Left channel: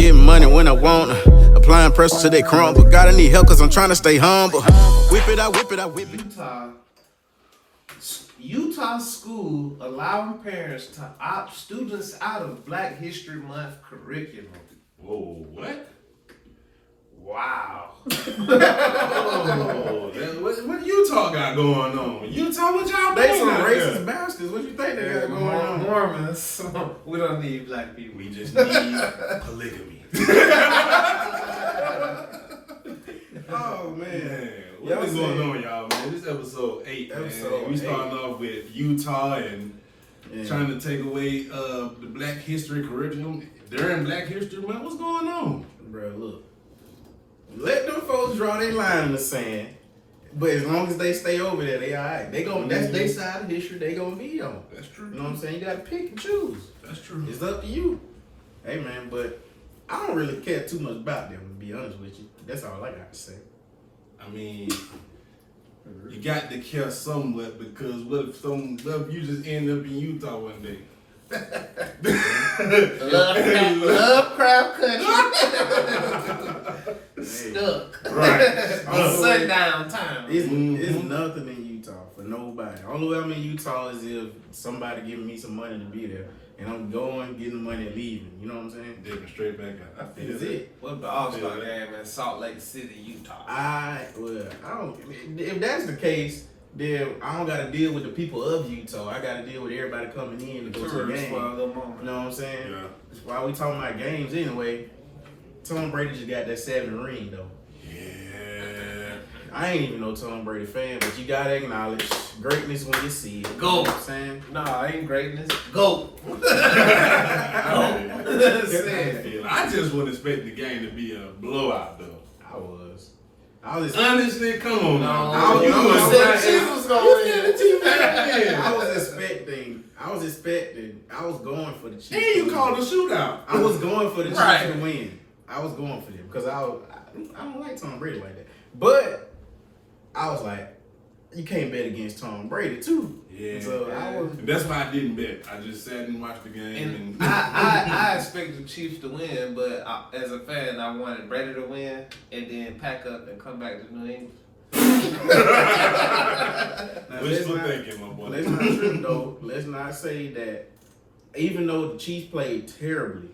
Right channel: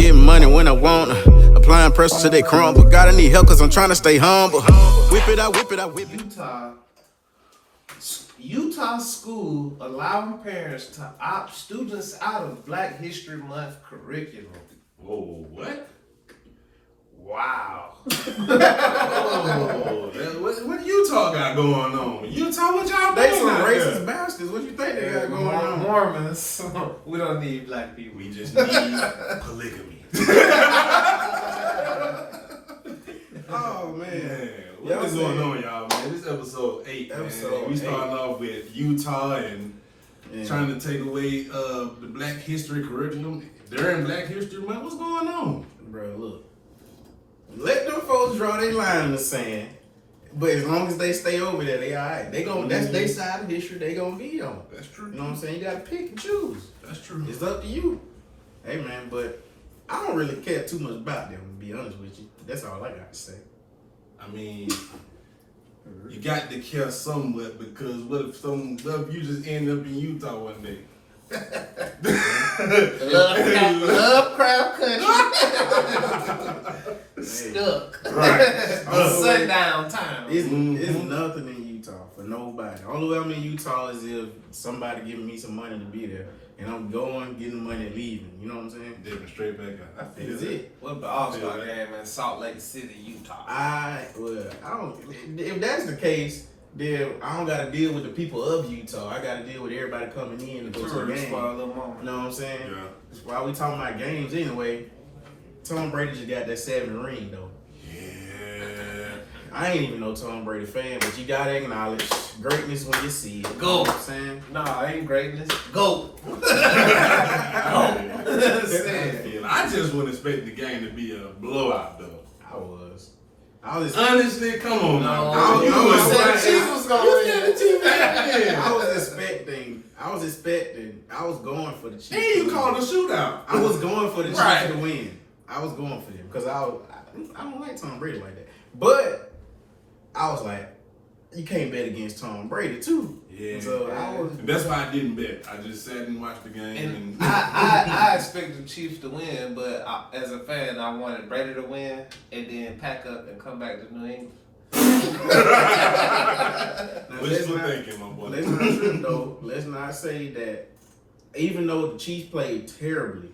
Getting money when I want applying pressure till they crumble. Gotta need help cause I'm trying to stay humble. Whip it, I whip it, I whip it. Utah school allowing parents to opt students out of Black History Month curriculum. Whoa, what? Wow. What Utah got going on? Utah, what y'all They doing some out racist there? bastards. What you think they got going on? Mormons. We don't need black people. We just need polygamy. Oh man. What is going on, y'all, man? This episode 8, man. We starting off with Utah and trying to take away the Black History curriculum. During Black History Month, what's going on? Bro, look. Let them folks draw their line in the sand. But as long as they stay over there, they alright. They gon' that's their side of history they gonna be on. That's true. You know what I'm saying? You gotta pick and choose. That's true. It's up to you. Hey man, but I don't really care too much about them, to be honest with you. That's all I got to say. I mean, you got to care somewhat because what if you just end up in Utah one day? Lovecraft country. Stuck. Right. On sundown time. It's nothing in Utah for nobody. The only way I'm in Utah is if somebody giving me some money to be there. And I'm going, getting the money and leaving. You know what I'm saying? Dipping straight back up. That's it. What about All-Star game in Salt Lake City, Utah? I don't. If that's the case, then I don't got to deal with the people of Utah. I got to deal with everybody coming in to go to the game. You know what I'm saying? Yeah. That's why we talking about games anyway. Tom Brady just got that 7 ring though. I ain't even no Tom Brady fan, but you gotta acknowledge greatness when you see it. Go. You know what I'm saying? No, it ain't greatness. Go. I just wouldn't expect the game to be a blowout, though. I was Honestly, come on now. I was going for the Chiefs. Then you called a shootout. I was going for the Chiefs to win. I was going for them because I don't like Tom Brady like that. But I was like, you can't bet against Tom Brady too. Yeah. So and that's why I didn't bet. I just sat and watched the game. And I expected the Chiefs to win, but as a fan, I wanted Brady to win and then pack up and come back to New England. Wishful thinking, my boy. Let's not trip though. Let's not say that even though the Chiefs played terribly,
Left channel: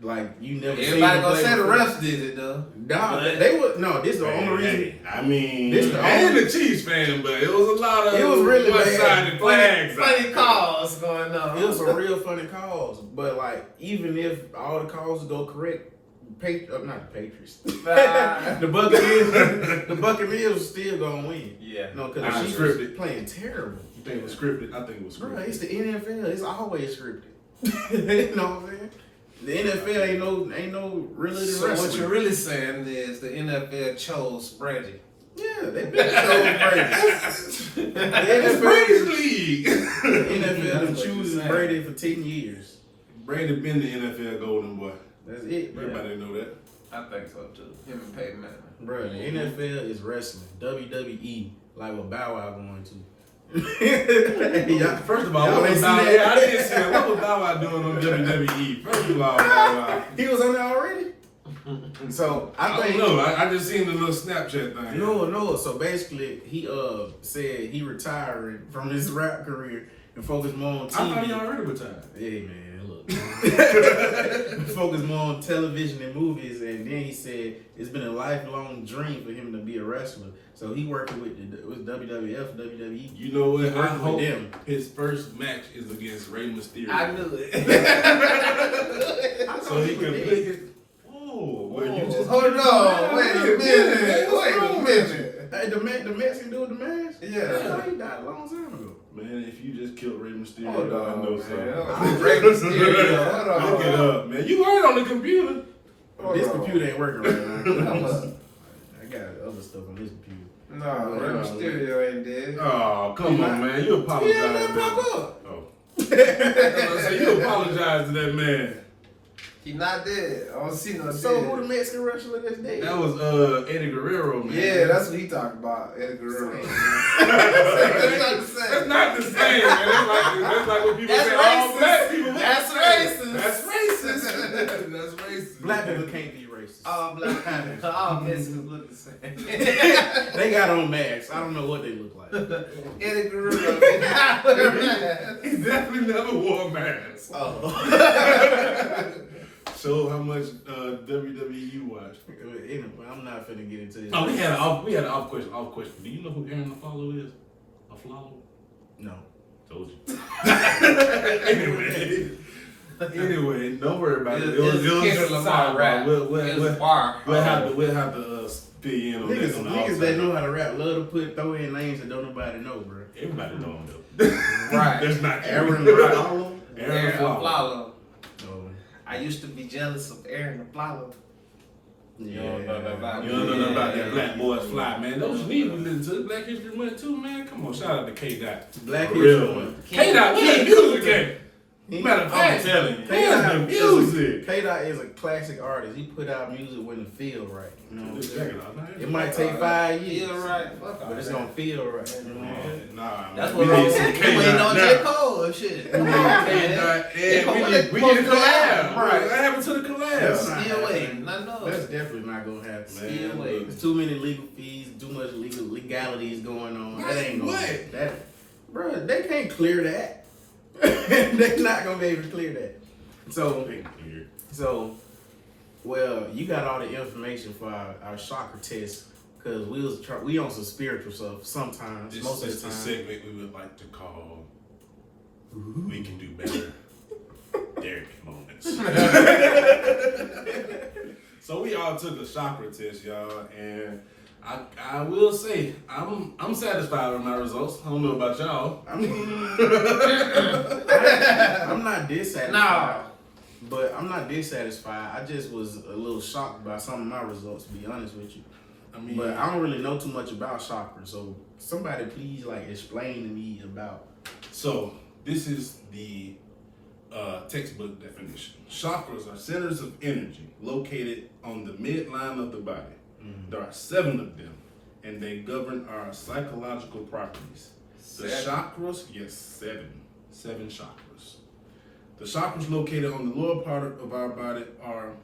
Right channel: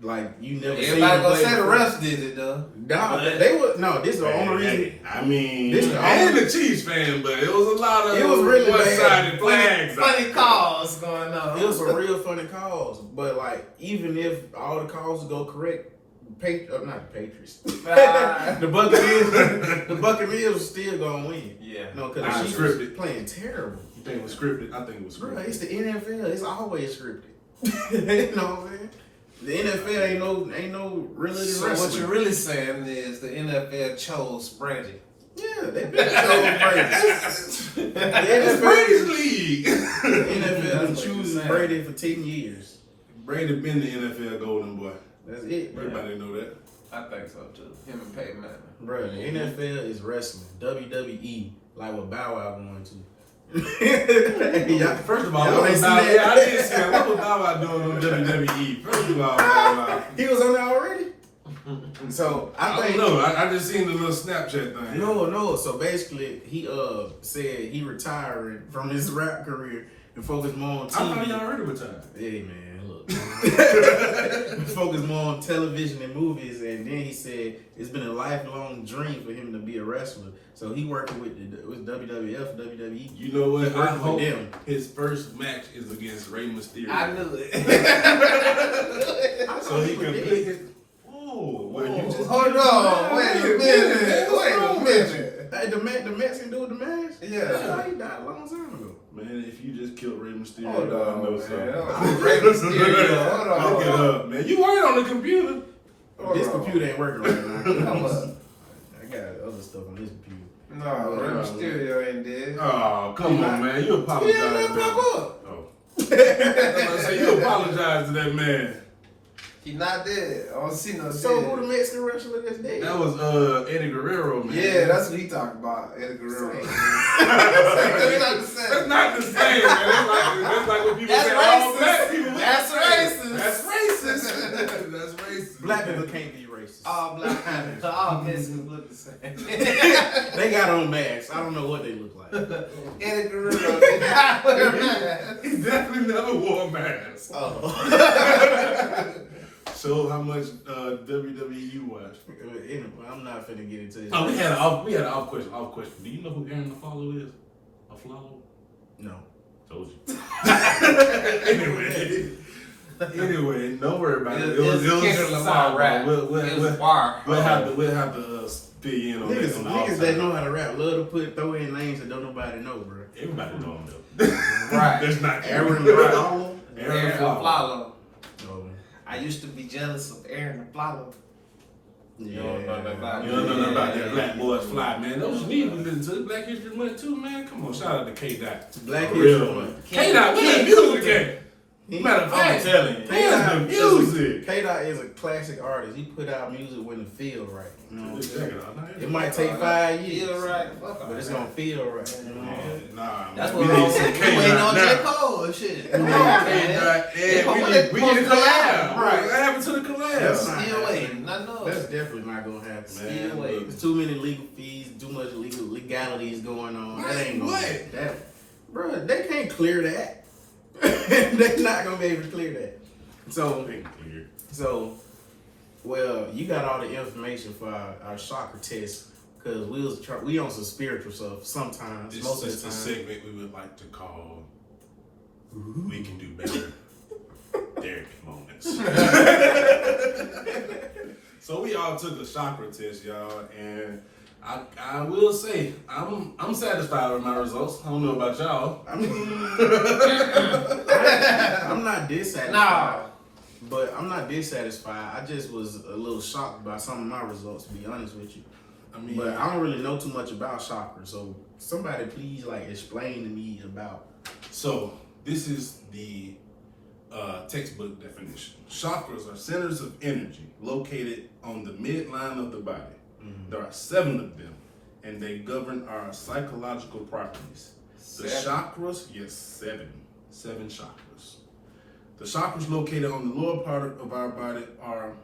like you never seen them gonna play say the before. refs did it though. Nah, they would. No, this is the only reason. I mean, This the I ain't only- a Chiefs fan, but it was a lot of It was really one-sided flags. Funny calls going on. It was a real funny calls, but like even if all the calls go correct, not the Patriots, the Buccaneers still gonna win. Yeah, No, because the Chiefs was playing terrible. You think it was scripted? I think it was scripted. Bro, it's the NFL. It's always scripted. You know what I'm saying? The NFL ain't no really so wrestling. what you're really saying is the NFL chose Brady. Yeah, they been chose Brady. It's Brady's league. The NFL been choosing Brady for 10 years. Brady been the NFL golden boy. That's it, bro. Everybody know that. I think so too. Him and Peyton Manning. Bro, the NFL is wrestling. WWE, like what Bow Wow going to. First of all, y'all what was ain't Bow seen that? I didn't see that. What was Bow Wow doing on WWE? First of all, Bow Wow. He was on there already? So I don't know. I just seen the little Snapchat thing. No. So basically, he said he retiring from his rap career and focus more on TV. I thought he already retired. Hey man, look. Focus more on television and movies, and then he said it's been a lifelong dream for him to be a wrestler. So he working with WWF, WWE. You know what? I hope them. his first match is against Rey Mysterio. I knew it. So he can pick it. Oh, well, you just Hold on. Wait a minute. Hey, the Mexican dude with the mask? Yeah. He died a long time ago. Man, if you just killed Rey Mysterio, Hold I on, know man. something. Rey Mysterio. Look it up, man. You working on the computer? This computer ain't working right now. I got other stuff on this computer. No, Rey Mysterio ain't dead. Oh, come on, man. You apologize. Yeah, man, pop up. Oh. So you apologize to that man. He not dead. I don't see no So dead. who the Mexican wrestler that's dead? That was Eddie Guerrero, man. Yeah, that's what he talking about. Eddie Guerrero. That's not the same, man. That's like when people say all black people. That's racist. That's racist. That's racist. Black people can't be racist. All Mexicans look the same. They got on masks. I don't know what they look like. Eddie Guerrero did not wear a mask. He definitely never wore a mask. Oh. Show how much WWE you watch. Anyway, I'm not finna get into this. Oh, we had an off question. Do you know who Aaron LaFlalo is? LaFlalo? No. Told you. Anyway, don't worry about it. It was just a side rap. We'll have to fill you in on Niggas that know how to rap love to throw in names that don't nobody know, bro. Everybody know them though. Right. That's not true. Aaron LaFlalo. Aaron LaFlalo. No. I used to be jealous of Aaron LaFlalo. Yeah. You don't know nothing about that Black Boys Fly, man. Those need to listen to the Black History Month too, man. Come on, shout out to K-Dot. Black History Month. K-Dot, we got music game. Matter of fact, K-Dot is a classic artist. He put out music when it feel right. You know what I'm saying? It It might take 5 years. Feel right. But it's gonna feel right. You know what I'm saying? Nah, that's we what need some we K-Dot waiting on now. J. Cole and shit. We need a collab. Right. What happened to the collab? Still waiting. I know. That's definitely not gonna happen, Still man. waiting. There's too many legal fees, too much legalities going on. That ain't gonna happen. Bro, they can't clear that. They're not gonna be able to clear that. So, well, you got all the information for our chakra test because we on some spiritual stuff sometimes. Most of the time. This is a segment we would like to call "We Can Do Better." Therapy moments. So we all took a chakra test, y'all, and I will say I'm satisfied with my results. I don't know about y'all. I mean, I'm not dissatisfied. No. But I'm not dissatisfied. I just was a little shocked by some of my results, to be honest with you. But I don't really know too much about chakra, so somebody please explain to me about. So this is the textbook definition. Chakras are centers of energy located on the midline of the body. Mm-hmm. There are 7 of them, and they govern our psychological properties. The chakras, yes, 7 chakras. The chakras located on the lower part of our body are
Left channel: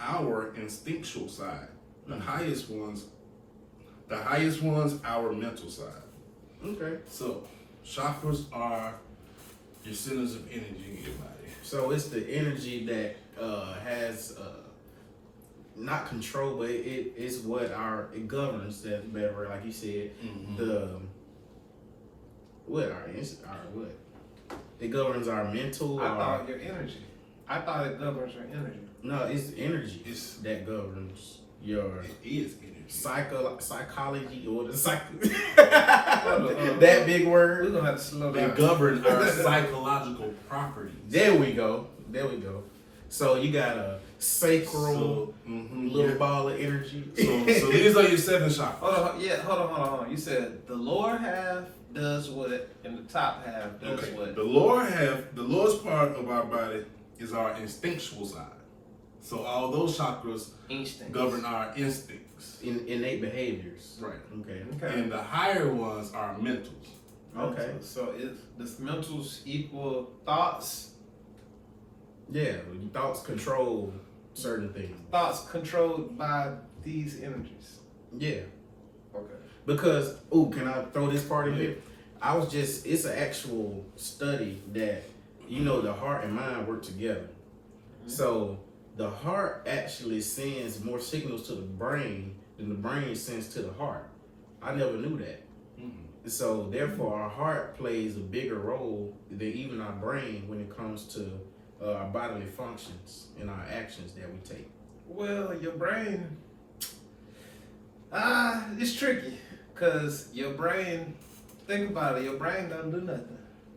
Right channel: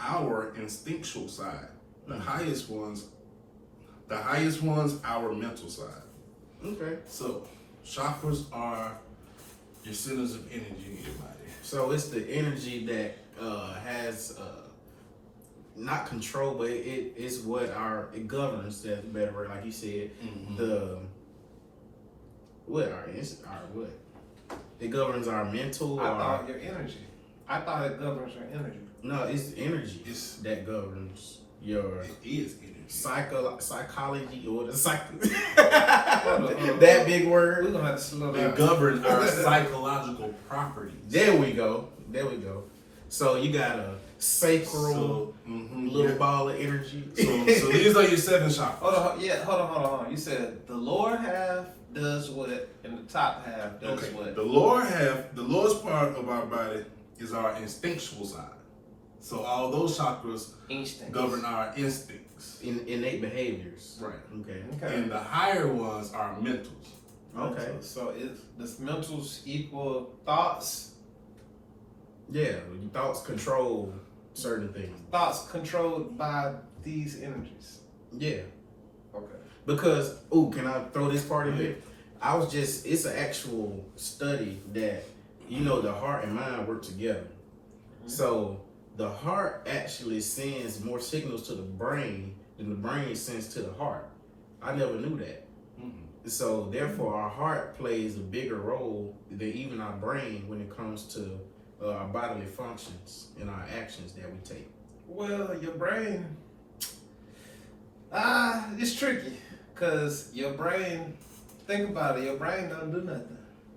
our instinctual side. The highest ones, our mental side. Okay. So chakras are your centers of energy in your body. So it's the energy that has not control, but it is what it governs. That's better word, like you said. Mm-hmm. What? It governs our mental. I thought your energy. I thought it governs your energy. No, it's energy that governs your. It is energy. Psychology or the that big word. We're gonna have to slow down. They govern our psychological properties. There we go. So you got a sacral little ball of energy. So these are your 7 chakras. Hold on. You said the lower half does what, and the top half does what? The lowest part of our body is our instinctual side. So all those chakras govern our instincts. Innate behaviors. Right. Okay. And the higher ones are mentals. Okay. So does mentals equal thoughts? Yeah, thoughts control certain things. Thoughts controlled by these energies. Yeah. Okay. Because, can I throw this part in here? It's an actual study that, the heart and mind work together. Mm-hmm. So the heart actually sends more signals to the brain than the brain sends to the heart. I never knew that. Mm-hmm. So therefore, our heart plays a bigger role than even our brain when it comes to our bodily functions and our actions that we take. Well, your brain, it's tricky because your brain, think about it, your brain don't do nothing.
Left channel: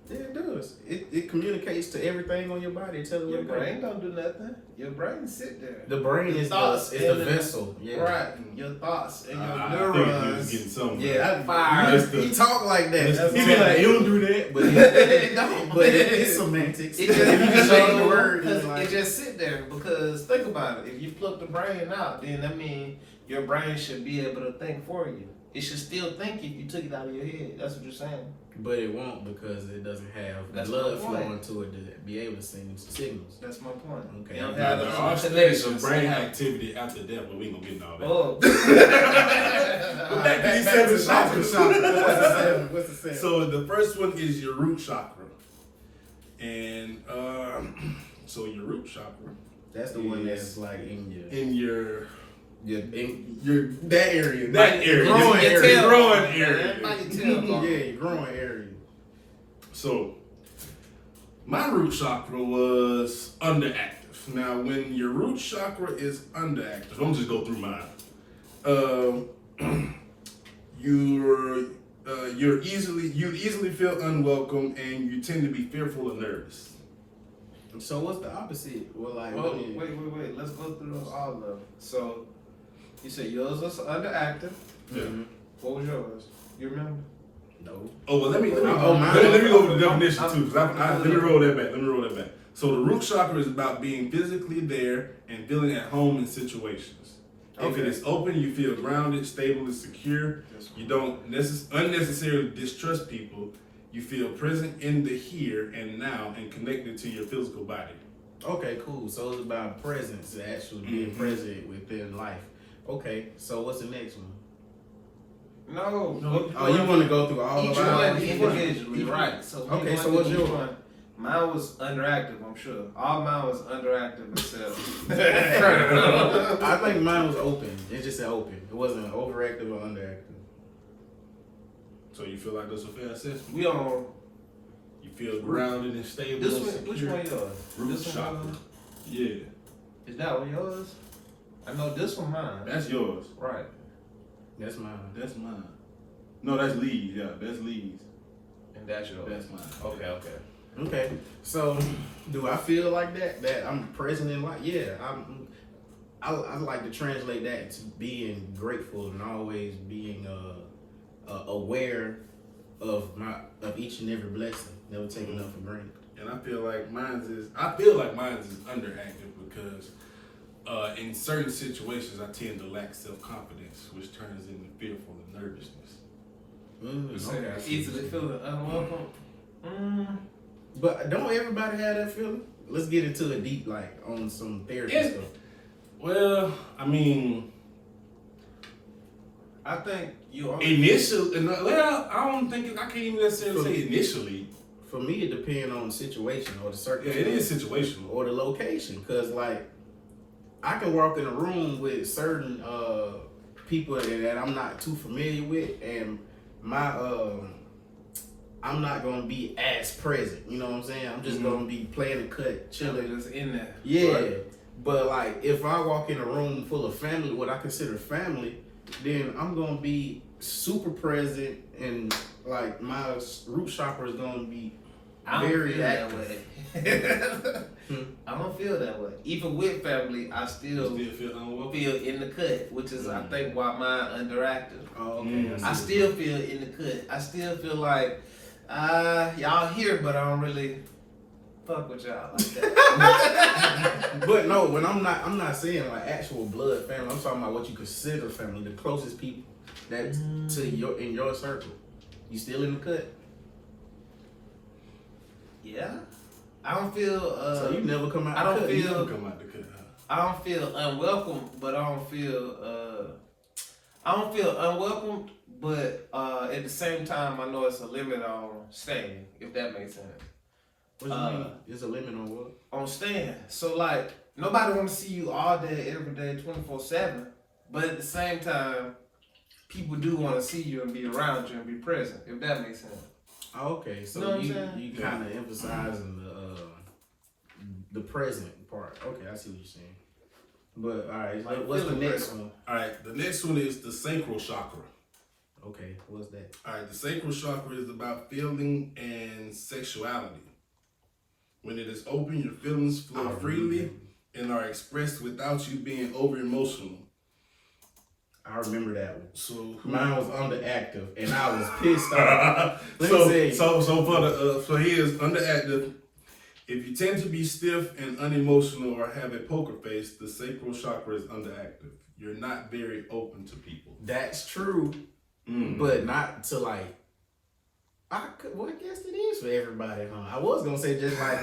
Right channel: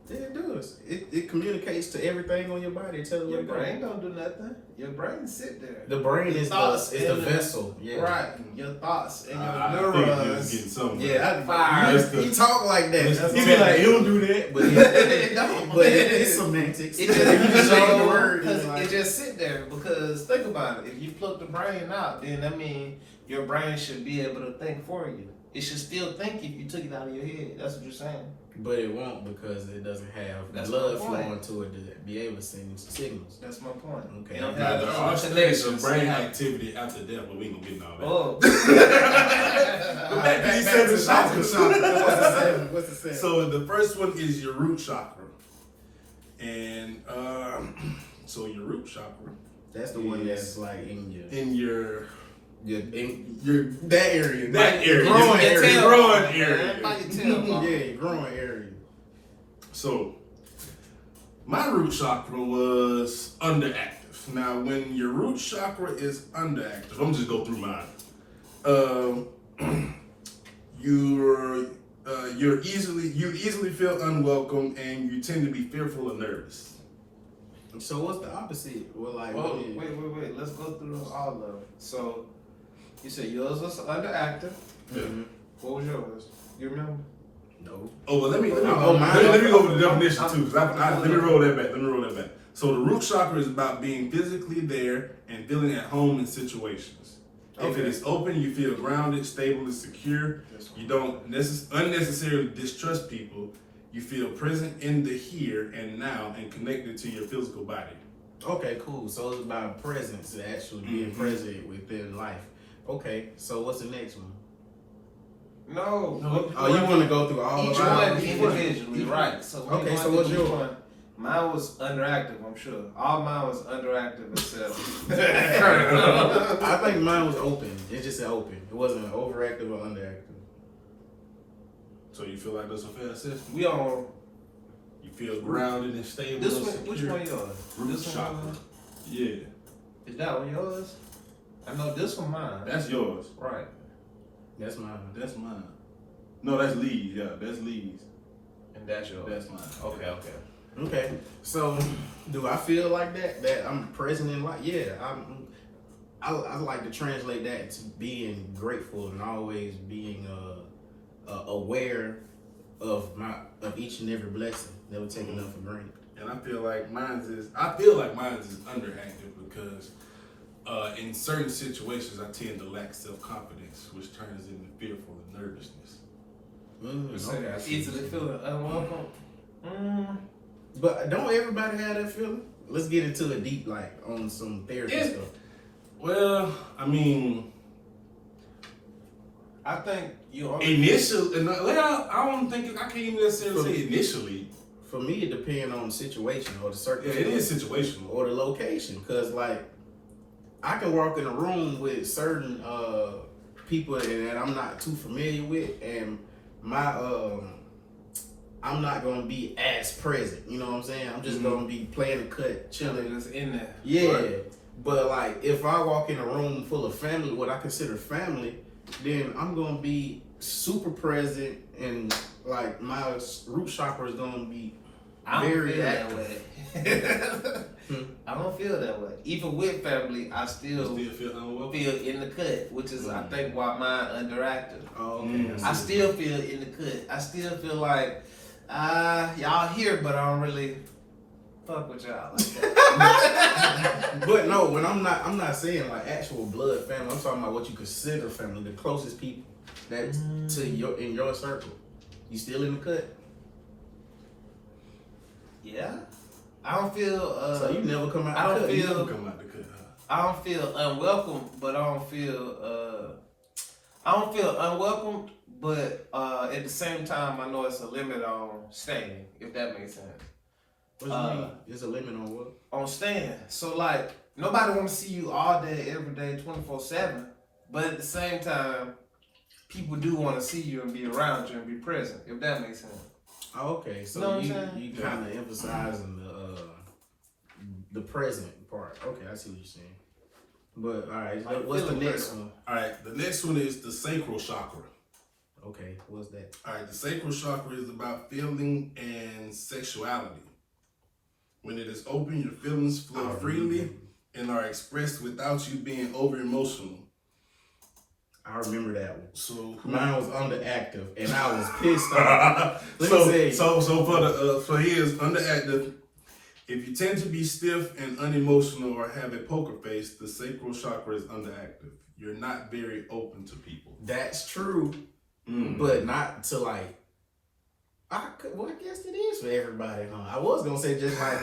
Yeah, it does. It communicates to everything on your body. It tells you your brain don't do nothing. Your brain sit there. The brain is the vessel. Yeah. Right. Your thoughts and your neurons. He talk like that. He be like, he don't do that, but it's semantics. It just the word. It just sit there because think about it. If you pluck the brain out, then that means your brain should be able to think for you. It should still think if you took it out of your head. That's what you're saying. But it won't because it doesn't have blood flowing to it to be able to send signals. That's my point. Okay. There are stages of brain activity after death, but we ain't gonna get into all that. Oh. Back to these 7 chakras. What's the seven? So the first one is your root chakra. And so your root chakra. That's the one that's like in your in your that area. That area. Growing area. Growing area. Yeah, your growing area. So my root chakra was underactive. Now when your root chakra is underactive, I'm just go through mine. You easily feel unwelcome and you tend to be fearful and nervous. So what's the opposite? Well, like, wait. Let's go through all of them. So you said yours was underactive. Mm-hmm. What was yours? You remember? No. Oh, well, let me go over the definition too. Let me roll that back. So the root chakra is about being physically there and feeling at home in situations. Okay. If it is open, you feel grounded, stable, and secure. You don't unnecessarily distrust people. You feel present in the here and now and connected to your physical body. Okay, cool. So it's about presence, actually being present within life. Okay, so what's the next one? No. Oh, you want to go through all of them? Individually, right. So okay, so what's your one? Mine was underactive, I'm sure. All mine was underactive except. I think mine was open. It just said open. It wasn't overactive or underactive. So you feel like that's a fair assessment? We on. You feel grounded and stable. This one, which one yours? Root chakra. Yeah. Is that one yours? I know this one mine. That's yours. Right. That's mine. That's mine. No, that's Lee's. Yeah, that's Lee's. And that's yours. That's mine. Okay. So, do I feel like that? That I'm present in life? Yeah. I like to translate that to being grateful and always being aware of each and every blessing. Never take enough for granted. And I feel like mine's is underactive because in certain situations I tend to lack self-confidence, which turns into fearful and nervousness. Okay. Easily feeling unwelcome. But don't everybody have that feeling? Let's get into it deep, like on some therapy stuff. Well, I mean, I think you initially. Well, I don't think I can't even necessarily say initially. For me, it depends on the situation or the circumstance. Yeah, it is situational. Or the location, because like I can walk in a room with certain people that I'm not too familiar with, and I'm not gonna be as present. You know what I'm saying? I'm just gonna be playing the cut, chilling. It's in there. Yeah. Right. But like if I walk in a room full of family, what I consider family, then I'm gonna be super present and like my root chakra is gonna be very active. I don't feel that way. Even with family, I still feel unwelcome. Feel in the cut, which is I think why mine underactive. Oh, okay. I still feel in the cut. I still feel like y'all here, but I don't really fuck with y'all like that. But no, when I'm not saying like actual blood family. I'm talking about what you consider family, the closest people that to in your circle. You still in the cut? Yeah. I don't feel. So you never come out. You never come out the cut. I don't feel unwelcome, but I don't feel. I don't feel unwelcome, but at the same time, I know it's a limit on staying. If that makes sense. What do you mean? There's a limit on what? On staying. So like nobody want to see you all day, every day, 24/7. But at the same time, people do want to see you and be around you and be present. If that makes sense. Oh, okay. So you kind of emphasizing the present part. Okay, I see what you're saying. But all right, what's the next one? All right, the next one is the Sacral Chakra. Okay, what's that? All right, the Sacral Chakra is about feeling and sexuality. When it is open, your feelings flow freely and are expressed without you being over emotional. I remember that one. So mine was underactive, and I was pissed off. So here's underactive. If you tend to be stiff and unemotional or have a poker face, the sacral chakra is underactive. You're not very open to people. That's true, but not to like Well, I guess it is for everybody, huh? I was gonna say just like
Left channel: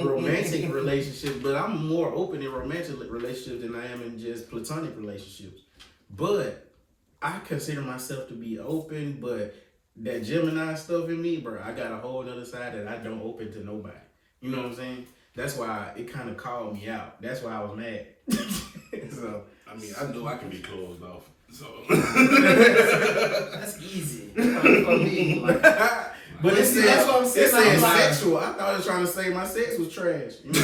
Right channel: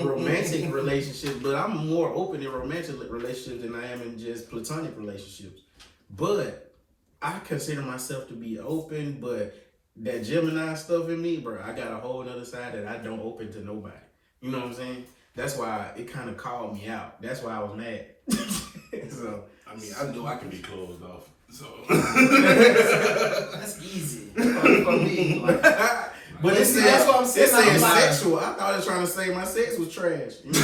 romantic relationships, but I'm more open in romantic relationships than I am in just platonic relationships. But I consider myself to be open, but that Gemini stuff in me, bro, I got a whole other side that I don't open to nobody. You know what I'm saying? That's why it kind of called me out. That's why I was mad. So I mean, I know I can be closed off. So that's easy for me. Like, but it said that's what I'm saying. It said sexual. I thought it was trying to say my sex was trash. You know?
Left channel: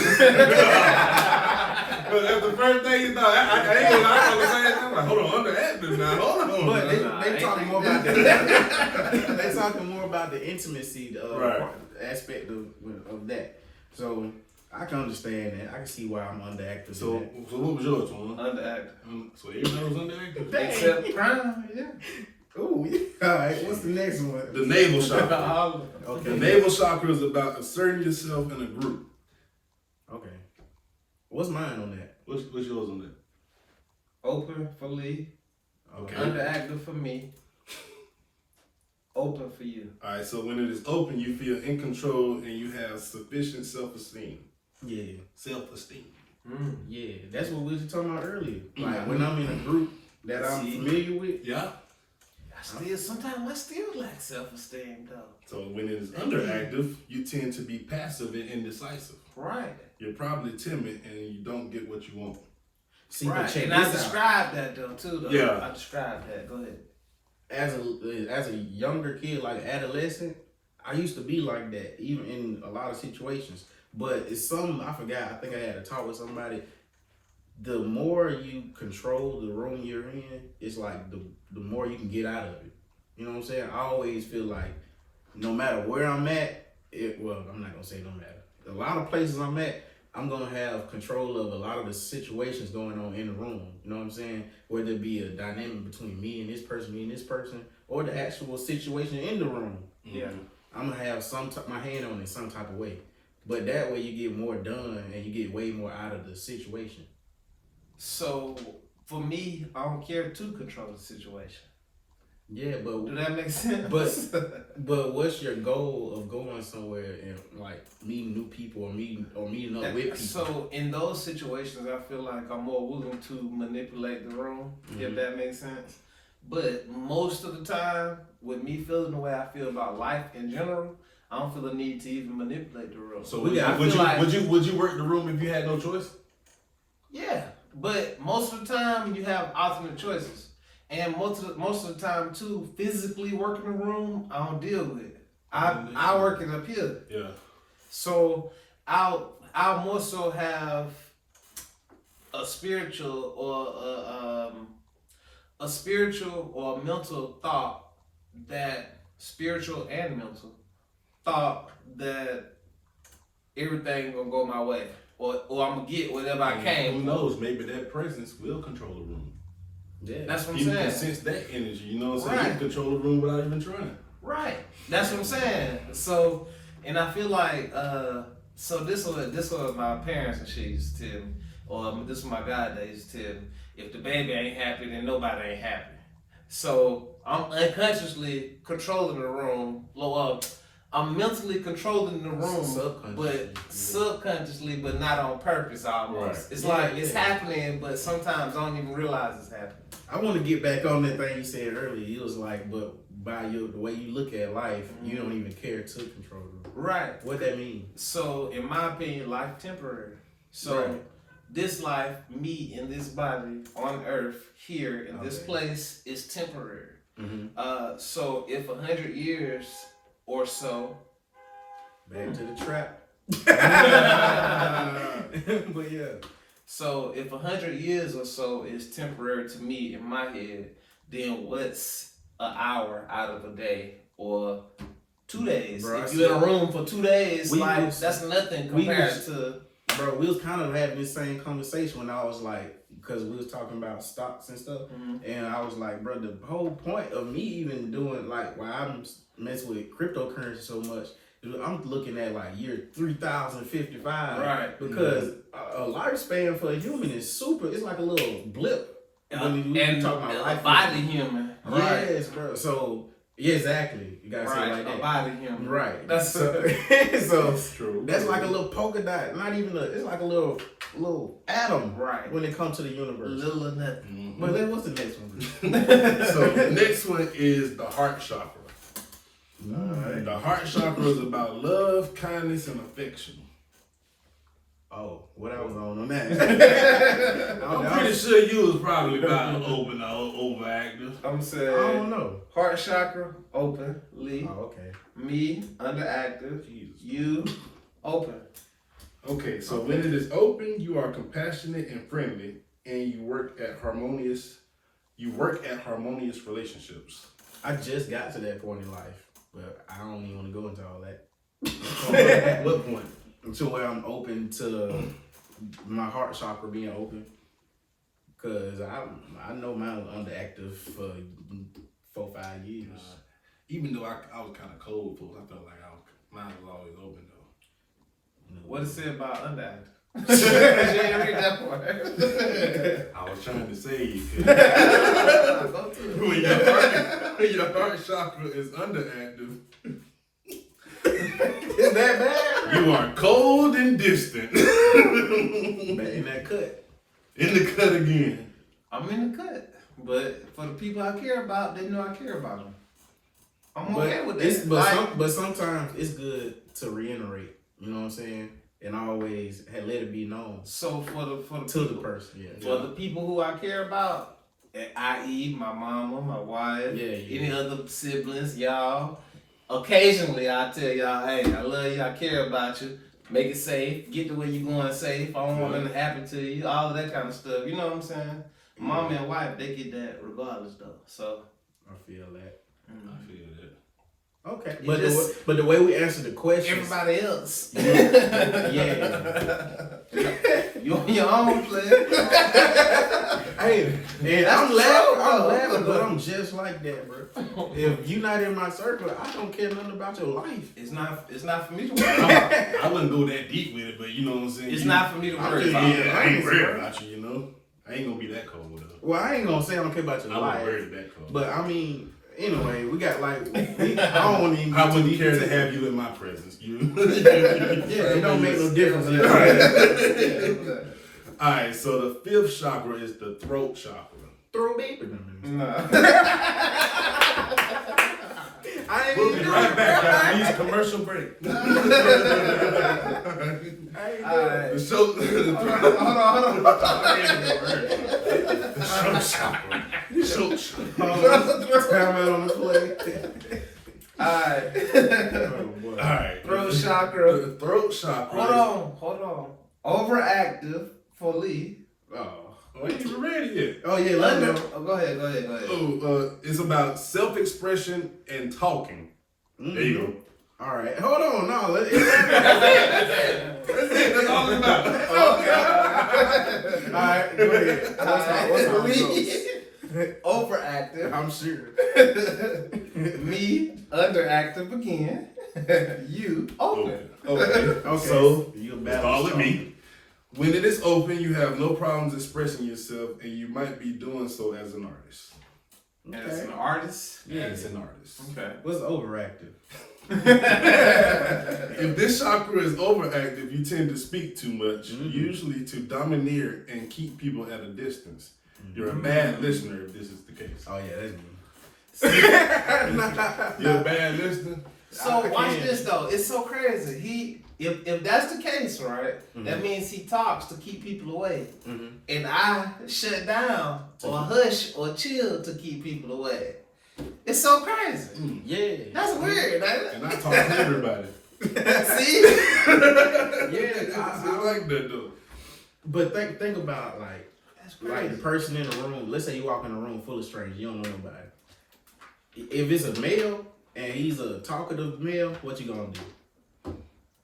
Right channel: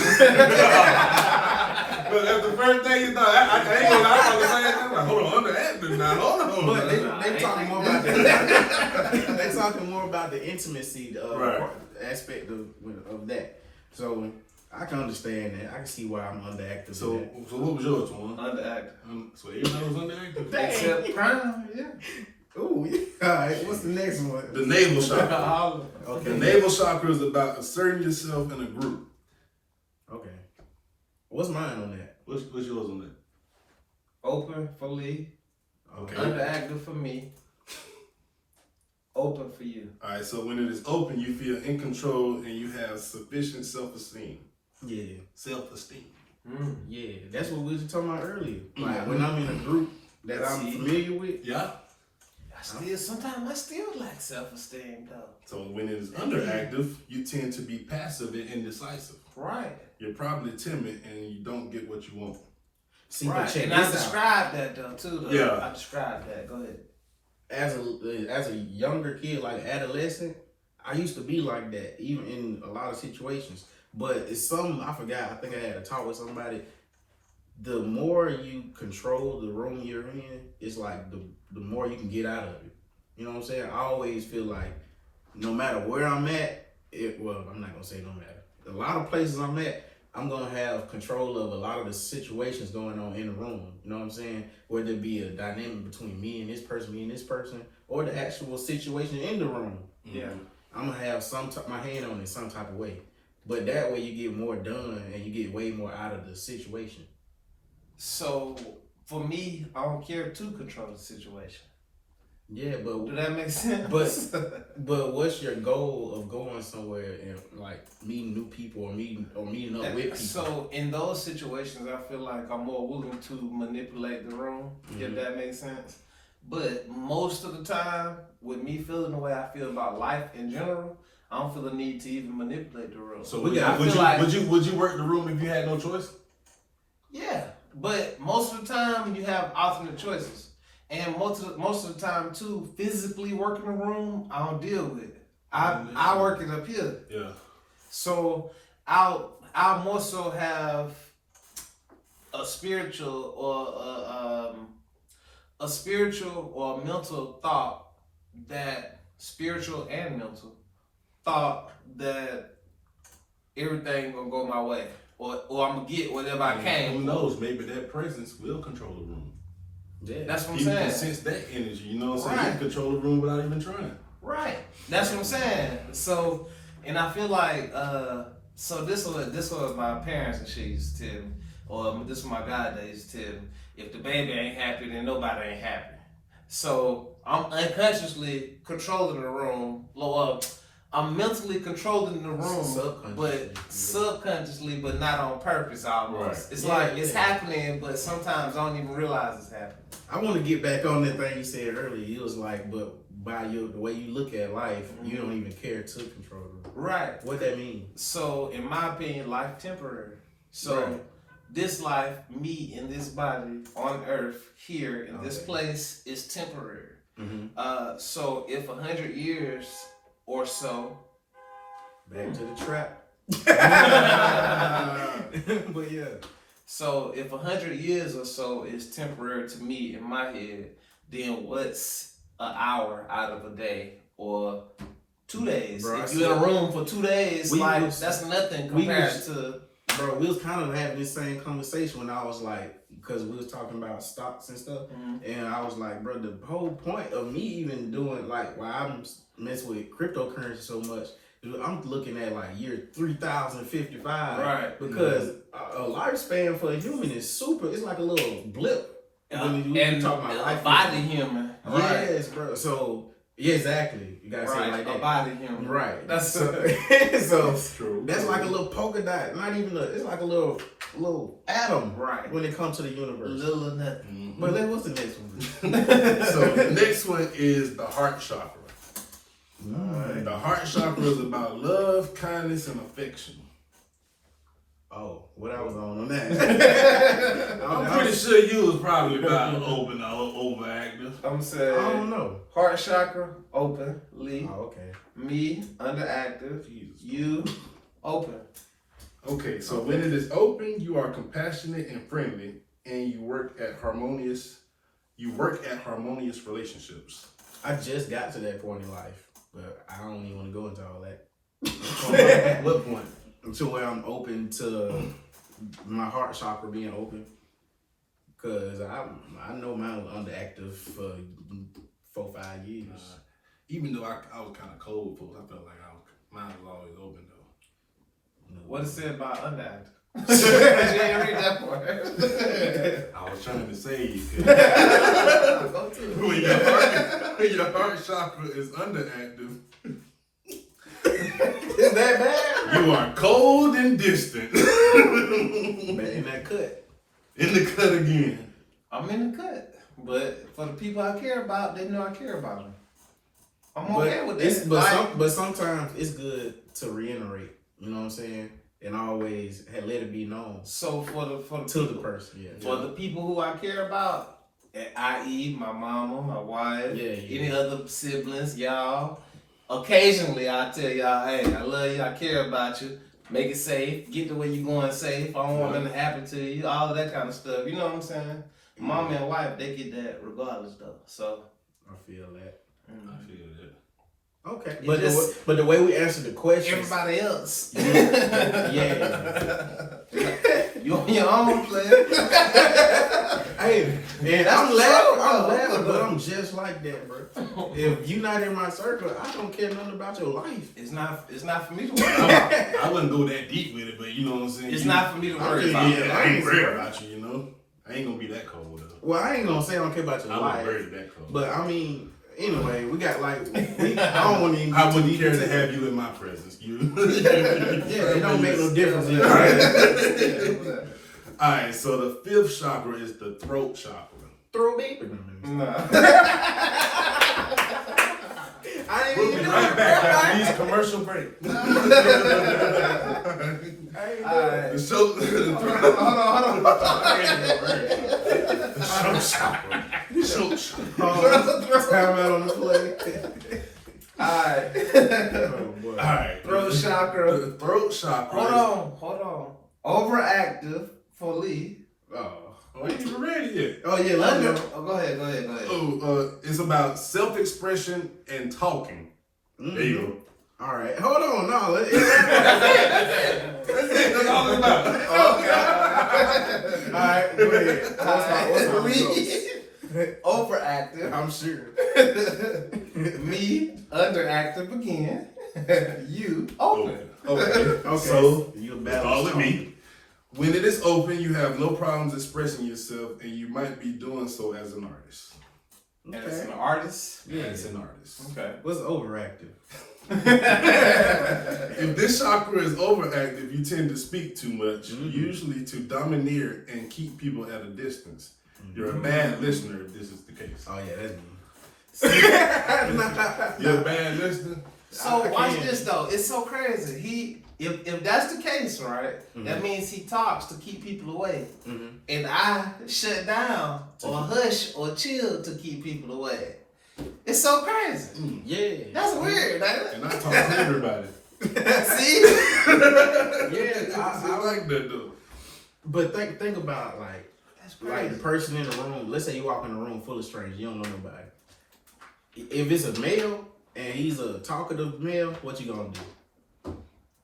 But that's the first thing you thought. I ain't gonna lie, I was saying, I'm like, hold on, underactive now. Hold on. But they talking more about they talking more about the intimacy aspect of that. So I can understand that. I can see why I'm underactive. So what was yours, one? Underactive. So everybody was underactive? Except Prime, yeah. Ooh, yeah. All right. What's the next one? The navel chakra. Okay. The navel chakra is about asserting yourself in a group. Okay. What's mine on that? What's yours on that? Open for Lee. Okay. Underactive for me. Open for you. All right. So when it is open, you feel in control and you have sufficient self-esteem. Yeah. Self-esteem. Yeah. That's what we were talking about earlier. Like when I'm in a group that I'm familiar with. Yeah. Sometimes I still lack self-esteem though. So when it is underactive, you tend to be passive and indecisive. Right. You're probably timid and you don't get what you want. See, right. but check and this I out. described that though too. Though. Yeah. I described that. Go ahead. As a younger kid, like adolescent, I used to be like that, even in a lot of situations. But it's something I forgot. I think I had a talk with somebody. The more you control the room you're in, it's like the more you can get out of it. You know what I'm saying? I always feel like no matter where I'm at, I'm not gonna say no matter. A lot of places I'm at, I'm gonna have control of a lot of the situations going on in the room. You know what I'm saying? Whether it be a dynamic between me and this person, or the actual situation in the room. Yeah. I'm gonna have my hand on it some type of way. But that way you get more done and you get way more out of the situation. So for me, I don't care to control the situation. Yeah, but do that make sense? But what's your goal of going somewhere and like meeting new people or meeting up with people? So in those situations, I feel like I'm more willing to manipulate the room, if that makes sense. But most of the time, with me feeling the way I feel about life in general, I don't feel the need to even manipulate the room. So would you work the room if you had no choice? Yeah, but most of the time you have alternate choices. And most of the time too, physically working the room, I don't deal with it. I work it up here. Yeah. So I'll more so have a spiritual or mental thought that everything gonna go my way, or I'm gonna get whatever I can. Who knows? Maybe that presence will control the room. Yeah, that's what I'm People saying. can sense that energy, you know what I'm saying? You can control the room without even trying. Right. That's what I'm saying. So, and I feel like, so this was my parents and shit used to tell me, or this was my god that used to tell me, if the baby ain't happy, then nobody ain't happy. So I'm unconsciously controlling the room. I'm mentally controlling the room, subconsciously, but not on purpose almost. Right. It's happening, but sometimes I don't even realize it's happening. I want to get back on that thing you said earlier. You was like, but by the way you look at life, you don't even care to control the room. Right. What that mean? So, in my opinion, life temporary. So, this life, me in this body on earth, here in this place, is temporary. So, if 100 years or so. Back to the trap. But yeah. So if 100 years or so is temporary to me in my head, then what's an hour out of a day or 2 days? Bro, if you're in a room for 2 days, that's nothing compared to. Bro, we was kind of having this same conversation when I was like, because we was talking about stocks and stuff, and I was like, bro, the whole point of me even doing like why I'm messing with cryptocurrency so much, I'm looking at like year 3055, right? Because a lifespan for a human is super. It's like a little blip when you talk about life. Body human, right? Yes, bro. So Yeah, exactly. You gotta say it like that. A body human. Right. That's so That's true. That's like a little polka dot. Not even it's like a little atom. Right. When it comes to the universe. Little or nothing. But what's the next one? So the next one is the heart chakra. Right. The heart chakra is about love, kindness, and affection. Oh, what I was on that. I'm pretty sure you was probably about open or overactive. I'm saying. I don't know. Heart chakra open. Lee. Oh, okay. Me underactive. You open. Okay, so when it is open, you are compassionate and friendly, and you work at harmonious relationships. I just got to that point in life, but I don't even want to go into all that. What point? To where I'm open to my heart chakra being open, cause I know mine was underactive for 4-5 years. Even though I was kind of cold, folks, I felt like mine was always open though. No. What it said about underactive? You didn't read that part. I was trying to say when your heart chakra is underactive. Is that bad? You are cold and distant. In that cut. In the cut again. I'm in the cut. But for the people I care about, they know I care about them. I'm okay with that. But sometimes it's good to reiterate, you know what I'm saying? And always let it be known. So for the the person, yeah. For the people who I care about, i.e. my mama, my wife, any other siblings, y'all. Occasionally, I tell y'all, hey, I love you, I care about you. Make it safe. Get to where you're going safe. I don't want nothing to happen to you. All of that kind of stuff. You know what I'm saying? Mom and wife, they get that regardless, though. So I feel that. I feel that. Okay, but the way we answer the question, everybody else, you on your own, player. Hey, and I'm laughing, but I'm just like that, bro. If you not in my circle, I don't care nothing about your life. It's not for me to worry about. I wouldn't go that deep with it, but you know what I'm saying. It's not for me to worry about. I ain't worried about you, you know. I ain't gonna be that cold though. Well, I ain't gonna say I don't care about your life. I wouldn't worry that cold. But I mean. Anyway, we got I don't want to even. I wouldn't care to have you in my presence. It don't make no difference. All right, so the fifth chakra is the throat chakra. Throat deep. No. We'll be right back after these commercial break. Hold on the play. Alright. Throat chakra. The throat chakra. Hold on. Overactive for Lee. Oh, you ain't ready yet. Oh yeah, let me know. Go ahead. It's about self-expression and talking. Mm-hmm. There you go. All right, hold on. No, that's all it's about. Okay. All right, go ahead. What's overactive. I'm sure. Me underactive again. You open. Okay. So you all with me. When it is open, you have no problems expressing yourself, and you might be doing so as an artist. Okay. As an artist? Yeah, as an artist. Okay. What's overactive? If this chakra is overactive, you tend to speak too much, usually to domineer and keep people at a distance. You're a bad listener if this is the case. Oh yeah, that's me. You're a bad listener? So watch this though. It's so crazy. If that's the case, right, that means he talks to keep people away. And I shut down or hush or chill to keep people away. It's so crazy. Yeah. That's weird, ain't it? And I talk to everybody. See? Yeah, I like that though. But think about like the person in the room. Let's say you walk in a room full of strangers, you don't know nobody. If it's a male and he's a talkative male, what you gonna do?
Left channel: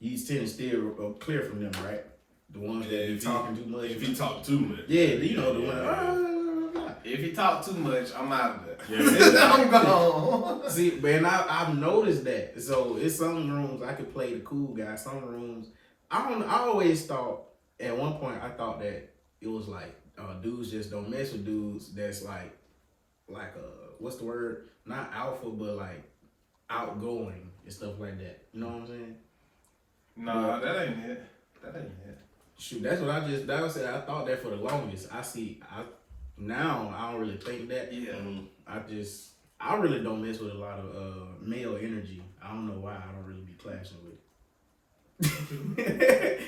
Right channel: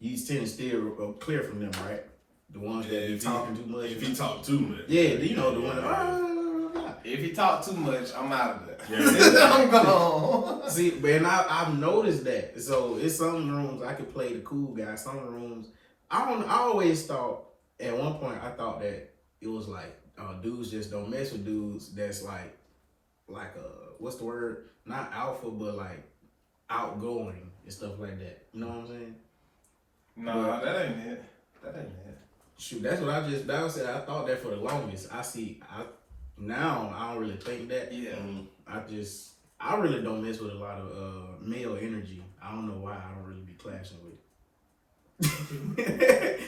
You tend to steer clear from them, right? The ones that be talking too much. If he talk too much. Yeah, you know the one. If he talk too much, I'm out of there. Yeah. I'm gone. See, and I've noticed that. So in some rooms I could play the cool guy. Some rooms I always thought at one point I thought that it was like dudes just don't mess with dudes that's like like what's the word? Not alpha, but like outgoing and stuff like that. You know what I'm saying? No, that ain't it. That ain't it. Shoot, that's what that was it. I thought that for the longest. Now I don't really think that. Yeah. I really don't mess with a lot of male energy. I don't know why. I don't really be clashing with it.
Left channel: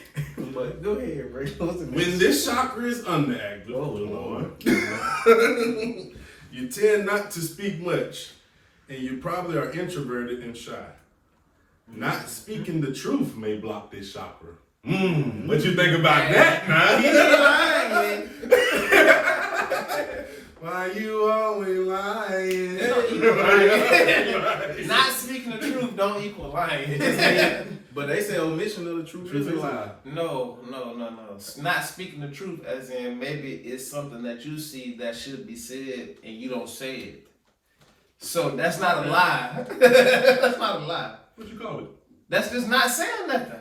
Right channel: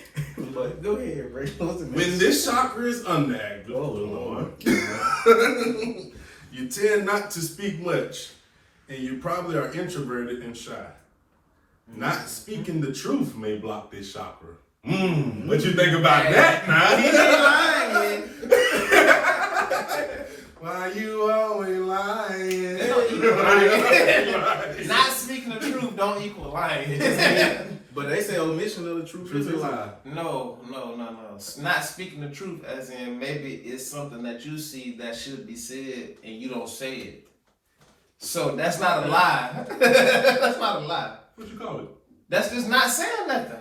But go ahead, bro. When this chakra is underactive, Lord. you tend not to speak much, and you probably are introverted and shy. Not speaking the truth may block this chakra. What you think about that, man? He ain't lying. Why you always lying? Not speaking the truth don't equal lying. But they say omission of the truth is a lie. No. Not speaking the truth, as in maybe it's something that you see that should be said and you don't say it. So that's not a lie. That's not a lie. What you call it? That's just not saying nothing.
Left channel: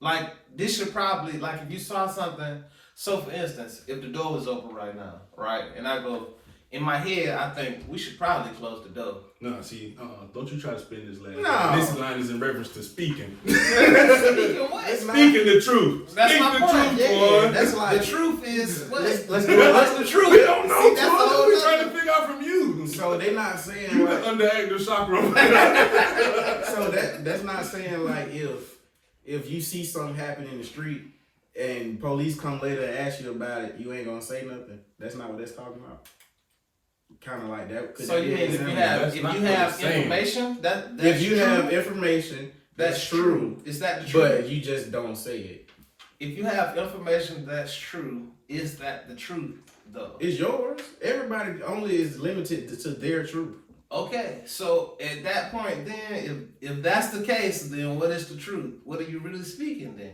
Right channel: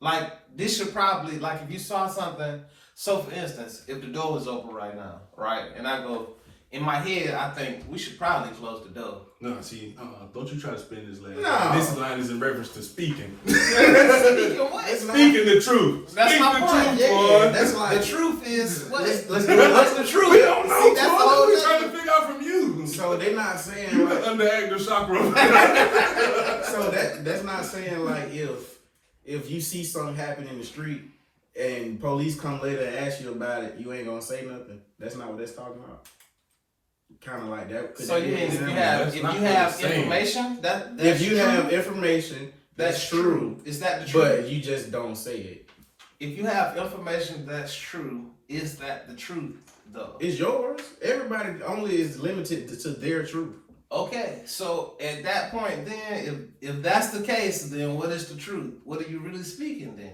Like, this should probably, like, if you saw something, so for instance, if the door was open right now, right, and I go, in my head, I think we should probably close the door. No, see, don't you try to spin this line. No. This line is in reference to speaking. Speaking what? Speaking the truth. That's Speak my the point. truth, Yeah, boy. that's like, the truth is, what? Let's do it. What's the truth? We don't know, See, that's boy. all We're trying to figure out from you. So they're not saying You like, the underactive chakra. so that's not saying like if you see something happen in the street and police come later and ask you about it, you ain't gonna say nothing. That's not what that's talking about. Kind of like that. So you mean if you have information if you have information that's true, is that the truth? But you just don't say it. If you have information that's true, is that the truth though? It's yours. Everybody only is limited to their truth. Okay, so at that point, then, if that's the case, then what is the truth? What are you really speaking then?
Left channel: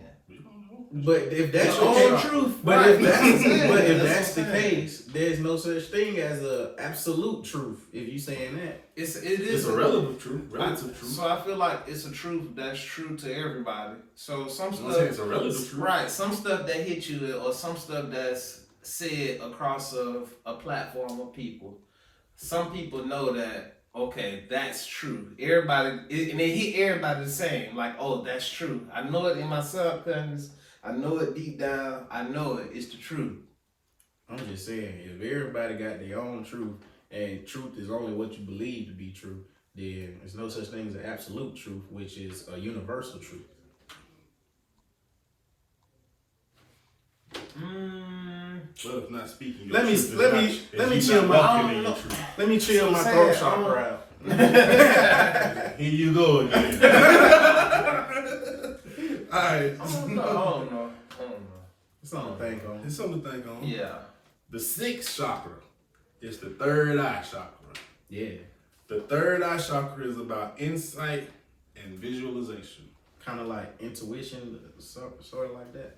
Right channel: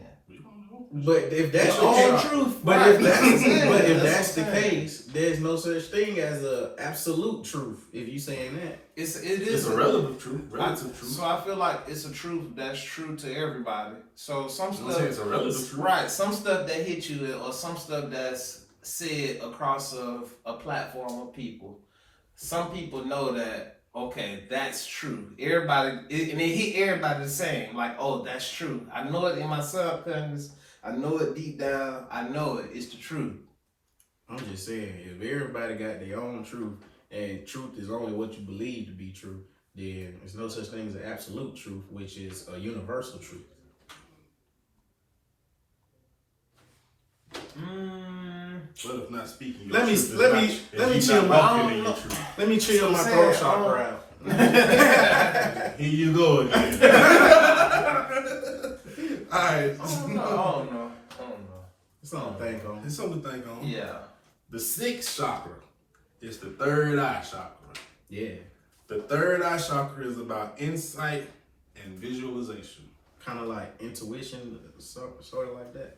But if that's Your the own case, truth, but right. if that's the what I'm saying. case, there's no such thing as a absolute truth. If you saying that, It It's is a relative truth. Relative truth. So I feel like it's a truth that's true to everybody. So some I'm saying it's a stuff, relative truth. right? Some stuff that hit you, or some stuff that's said across of a platform of people. Some people know that. Okay, that's true. Everybody, and it hit everybody the same. Like, oh, that's true. I know it in my subconscious. I know it deep down. I know it. It's the truth. I'm just saying, if everybody got their own truth, and truth is only what you believe to be true, then there's no such thing as an absolute truth, which is a universal truth. Well, if not speaking, Let me chill my throat chakra out. Here you go again. All right. I don't know. It's something to think on. It's something to think on. Yeah. The sixth chakra is the third eye chakra. Yeah. The third eye chakra is about insight and visualization. Kind of like intuition, sort of like that.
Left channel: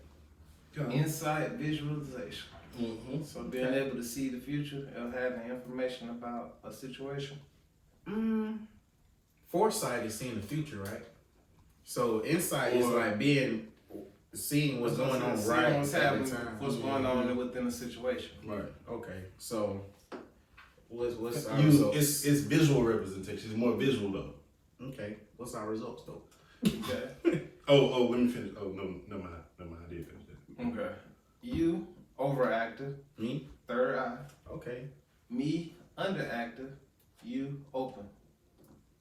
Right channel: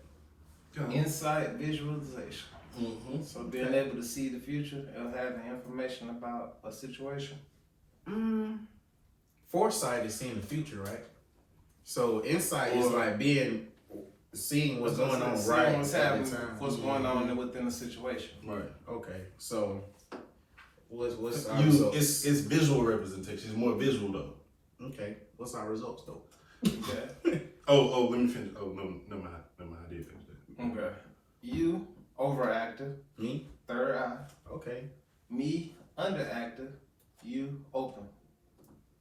Insight, visualization. Mm-hmm. So being able to see the future or having information about a situation. Foresight is seeing the future, right? So insight is like seeing what's going on right What's at happening, the time. what's going on within the situation. Right. Okay. So what's our You, results? it's visual representation. It's more visual though. Okay. What's our results though? Okay. Oh, let me finish. Oh, no, never mind. I did finish that. Okay. You overactive. Me? Third eye. Okay. Me underactive. You open.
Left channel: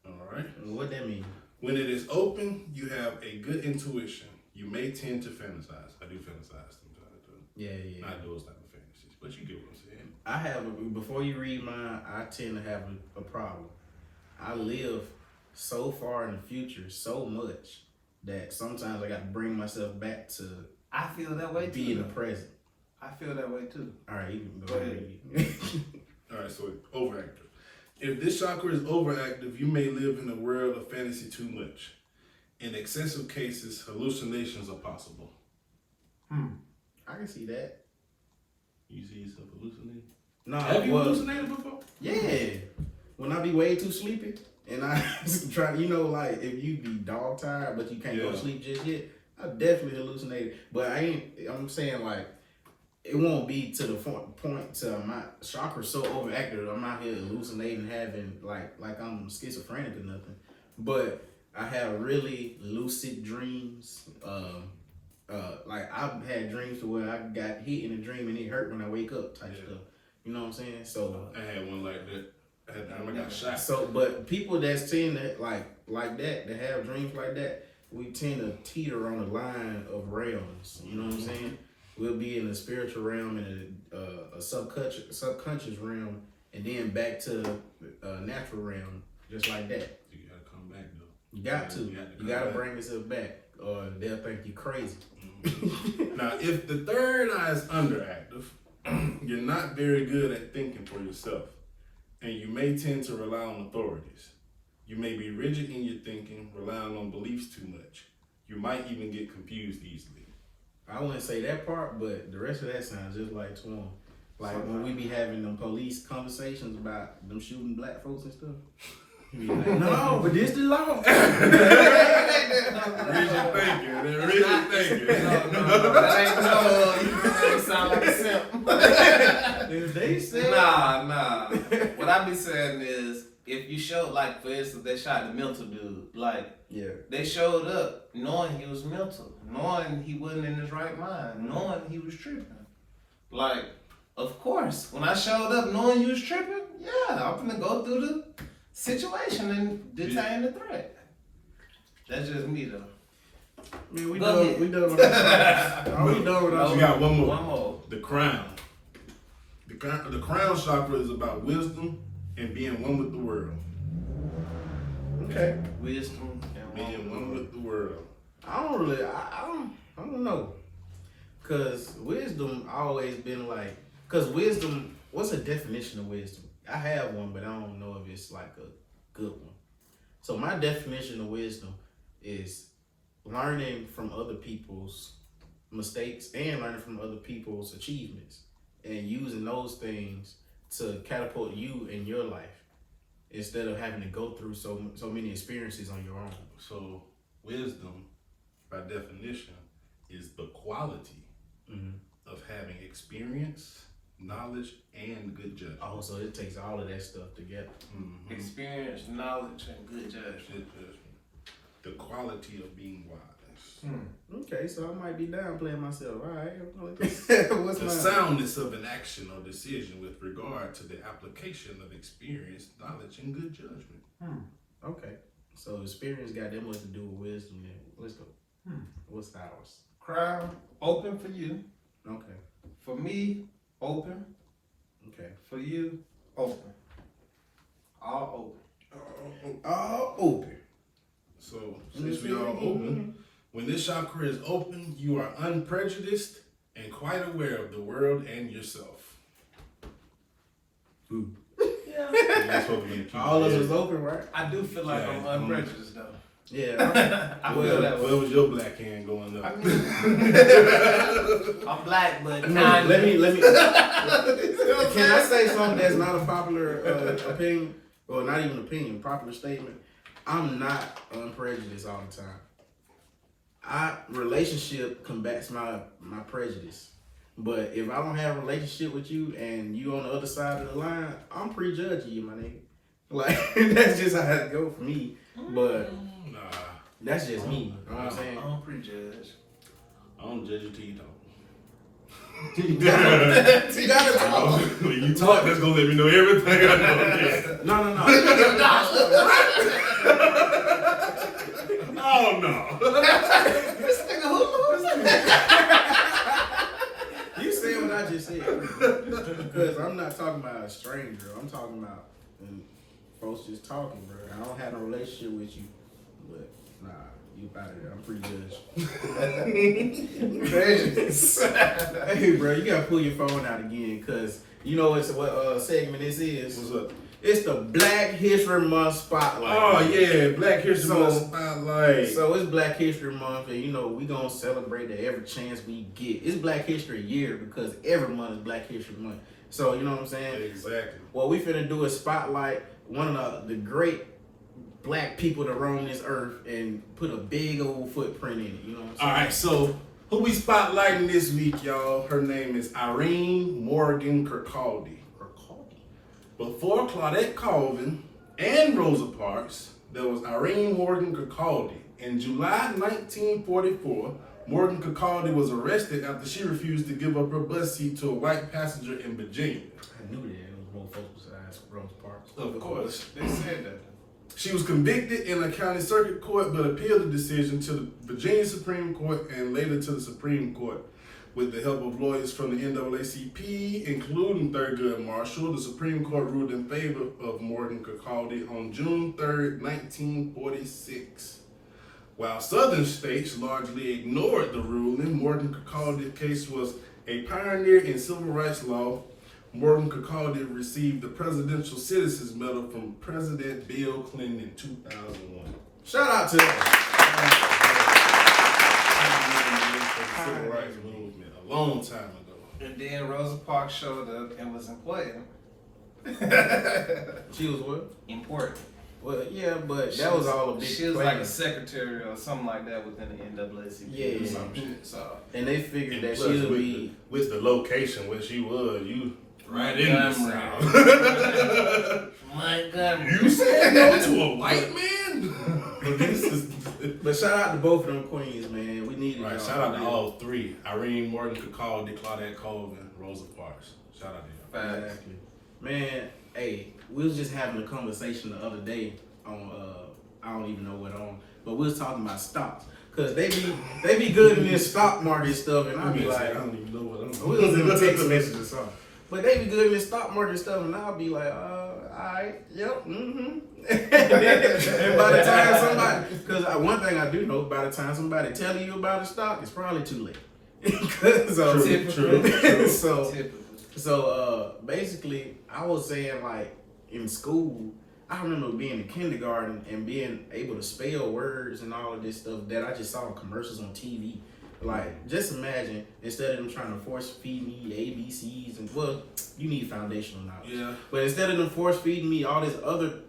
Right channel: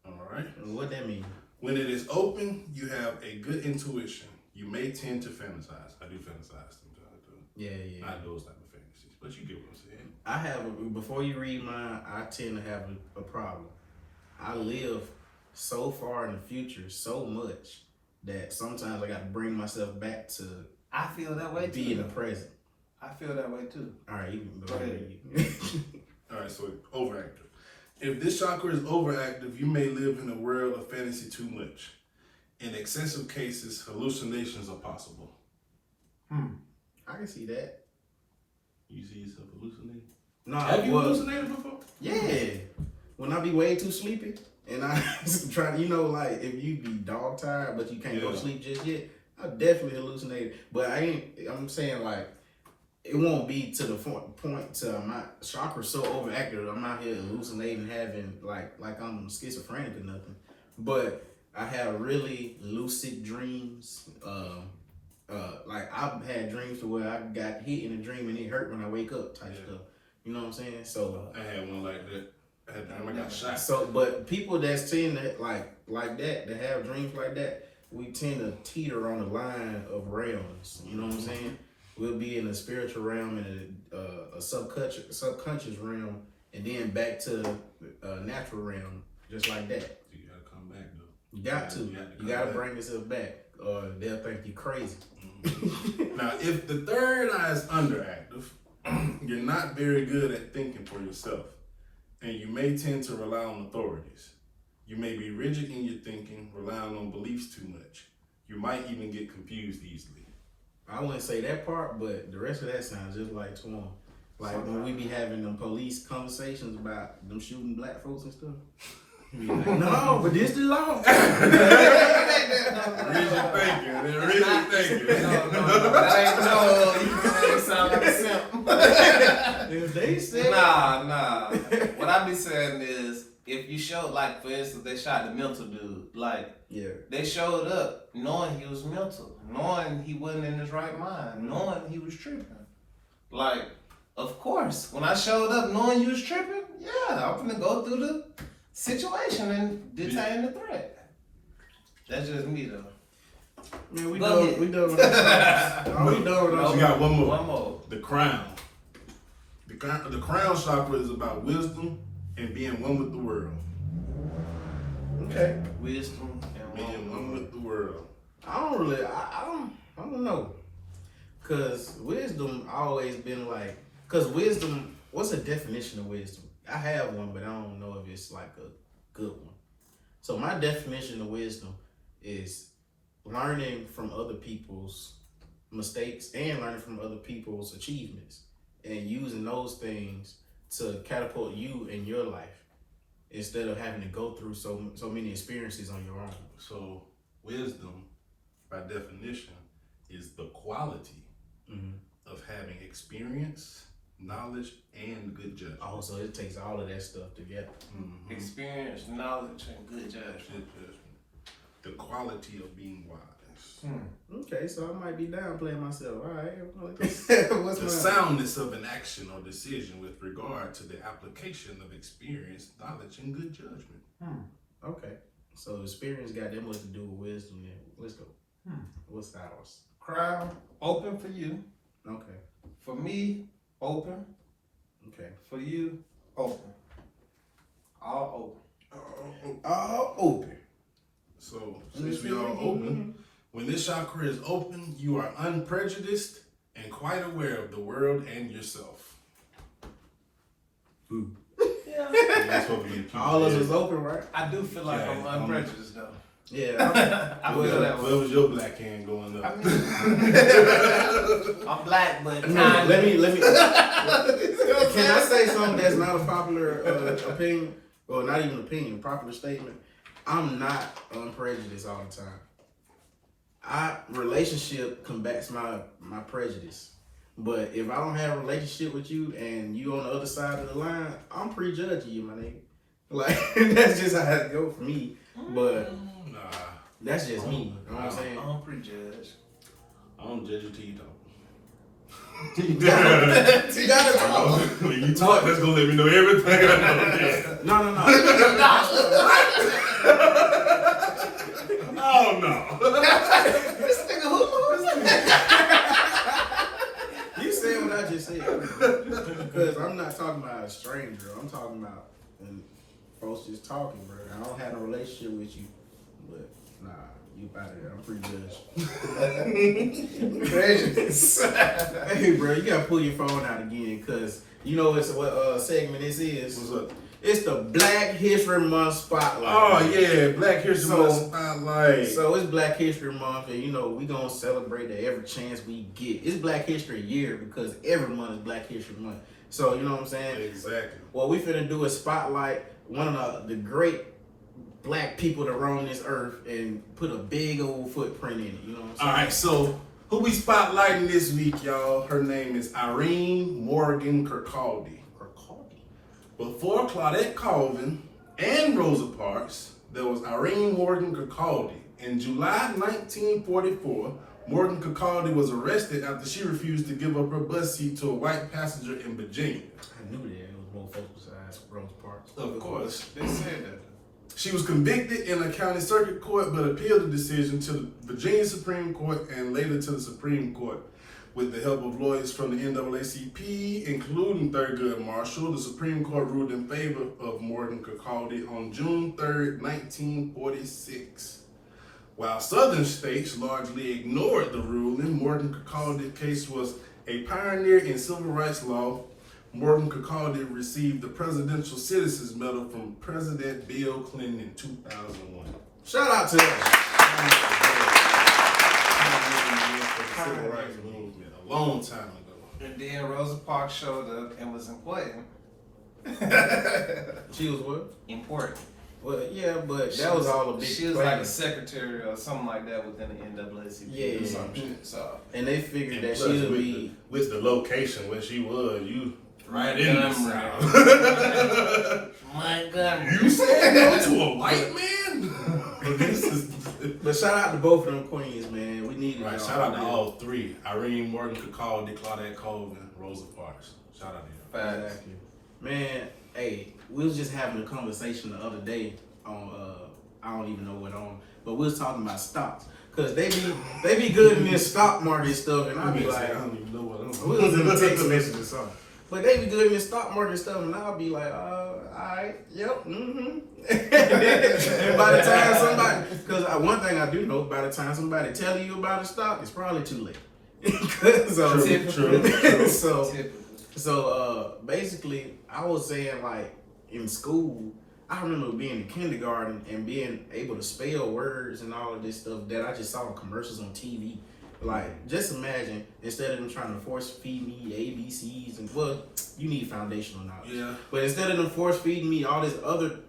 All right. And what that mean? When it is open, you have a good intuition. You may tend to fantasize. I do fantasize sometimes too. Yeah. Not those type of fantasies, but you get what I'm saying. I have before you read mine, I tend to have a problem. I live so far in the future, so much that sometimes I got to bring myself back to I feel that way be too. in the present. I feel that way too. All right, you can Go ahead. All right, so overactive. If this chakra is overactive, you may live in a world of fantasy too much. In excessive cases, hallucinations are possible. I can see that. You see yourself hallucinating? No, Have you hallucinated before? Yeah. When I be way too sleepy and I try to, like if you be dog tired but you can't go to sleep just yet, I definitely hallucinate. But I'm saying like it won't be to the point to my chakra so overactive. I'm out here hallucinating, having like I'm schizophrenic or nothing. But I have really lucid dreams. Like I've had dreams to where I got hit in a dream and it hurt when I wake up type stuff. You know what I'm saying? So I had one like that. I got shot. So, but people that tend to like that have dreams like that, we tend to teeter on the line of realms. You know what I'm saying? We'll be in a spiritual realm and a subconscious realm, and then back to a natural realm, just like that. You gotta come back though. You gotta bring yourself back, or they'll think you crazy. Now, if the third eye is underactive, you're not very good at thinking for yourself, and you may tend to rely on authorities. You may be rigid in your thinking, relying on beliefs too much. You might even get confused easily. I wouldn't say that part, but the rest of that sounds just like Twan. Like when we be having them police conversations about them shooting black folks and stuff. Be like, no, but this the law. Rigid thinking. You sound like a simp. They said, Nah. What I be saying is, if you show, like for instance, they shot the mental dude. Like, they showed up knowing he was mental, knowing he wasn't in his right mind, knowing he was tripping. Like, of course, when I showed up knowing you was tripping, I'm gonna go through the situation and detain the threat. That's just me though. Man, we done with that. We done with that. We got one more. One more. The crown. The crown chakra is about wisdom and being one with the world. Okay. Wisdom and Being one with the world. I don't know. Cause wisdom always been like, wisdom, what's the definition of wisdom? I have one, but I don't know if it's like a good one. So my definition of wisdom is learning from other people's mistakes and learning from other people's achievements and using those things to catapult you in your life instead of having to go through so many experiences on your own. So wisdom, by definition, is the quality of having experience, knowledge, and good judgment. Oh, so it takes all of that stuff together. experience, knowledge, and good judgment. The quality of being wise. Okay, so I might be downplaying myself. All right. The soundness of an action or decision with regard to the application of experience, knowledge, and good judgment. Okay. So experience got that much to do with wisdom. Yeah. Wisdom. What's ours? Crown, open for you. Okay. For me, open. Okay. For you, open. All All open. So, since we all open, when this chakra is open, you are unprejudiced and quite aware of the world and yourself. open. Yeah. All of us is open, right? I do feel like I'm unprejudiced though. Yeah. I feel that way. Where was your black hand going up? I'm black, but No, let me. Can I say something that's not a popular opinion, or not even opinion, popular statement? I'm not unprejudiced all the time. Relationship combats my prejudice. But if I don't have a relationship with you and you on the other side of the line, I'm prejudging you, my nigga. Like, that's just how it go for me. But that's just me. You know what I'm saying? I'm prejudged. I don't judge it till you talk. You gotta talk. When you talk, that's gonna let me know everything I know. No. Oh no. This nigga who? You said what I just said. Because I'm not talking about a stranger. I'm talking about when folks just talking, bro. I don't have a relationship with you. But nah, you about it. I'm prejudged. Hey, bro, you gotta pull your phone out again, because you know what segment this is? What's up? It's the Black History Month Spotlight. Oh yeah, Black History Month Spotlight. So it's Black History Month, and you know we gonna celebrate it every chance we get. It's Black History Year because every month is Black History Month. So you know what I'm saying? Exactly. What we finna do is spotlight one of the great black people that roam this earth and put a big old footprint in it. You know what I'm saying? All right, so Who we spotlighting this week, y'all? Her name is Irene Morgan Kirkcaldy. Before Claudette Colvin and Rosa Parks, there was Irene Morgan Kirkcaldy. In July 1944, Morgan Kirkcaldy was arrested after she refused to give up her bus seat to a white passenger in Virginia. I knew that it was more folks besides Rosa Parks. Of course. They said that. She was convicted in a county circuit court, but appealed the decision to the Virginia Supreme Court and later to the Supreme Court. With the help of lawyers from the NAACP, including Thurgood Marshall, the Supreme Court ruled in favor of Morgan Kirkcaldy on June 3rd, 1946. While Southern states largely ignored the ruling, Morgan Kirkcaldy's case was a pioneer in civil rights law. Morgan Kirkcaldy received the Presidential Citizens Medal from President Bill Clinton in 2001. Shout out to them. Civil rights movement a long time ago. And then Rosa Parks showed up and was important. She was what? Important. Well, yeah, but that was all a big She was plan. like a secretary or something like that within the NAACP. Yeah. Or some shit. So. And they figured that Plus, she would with be. with the location where she was, you right in God, the South. My God. You said no to a white man? This is But shout out to both of them queens, man. We needed right. y'all. Shout out to all three: Irene Morgan Kirkcaldy, Claudette Colvin, Rosa Parks. Shout out to you. Exactly. Man, hey, we was just having a conversation the other day on I don't even know what on, but we was talking about stocks. Cause they be good in this stock market stuff, and I be like, I don't even know what I'm we was in a text message or something. But they be good in this stock market stuff, and I'll be like, alright, yep, mm-hmm. And by the time somebody, because one thing I do know, by the time somebody tell you about a stock, it's probably too late. So basically, I was saying like in school, I remember being in kindergarten and being able to spell words and all of this stuff that I just saw in commercials on TV. Like, just imagine, instead of them trying to force feed me ABCs and, well, you need foundational knowledge. Yeah. But instead of them force feeding me all this other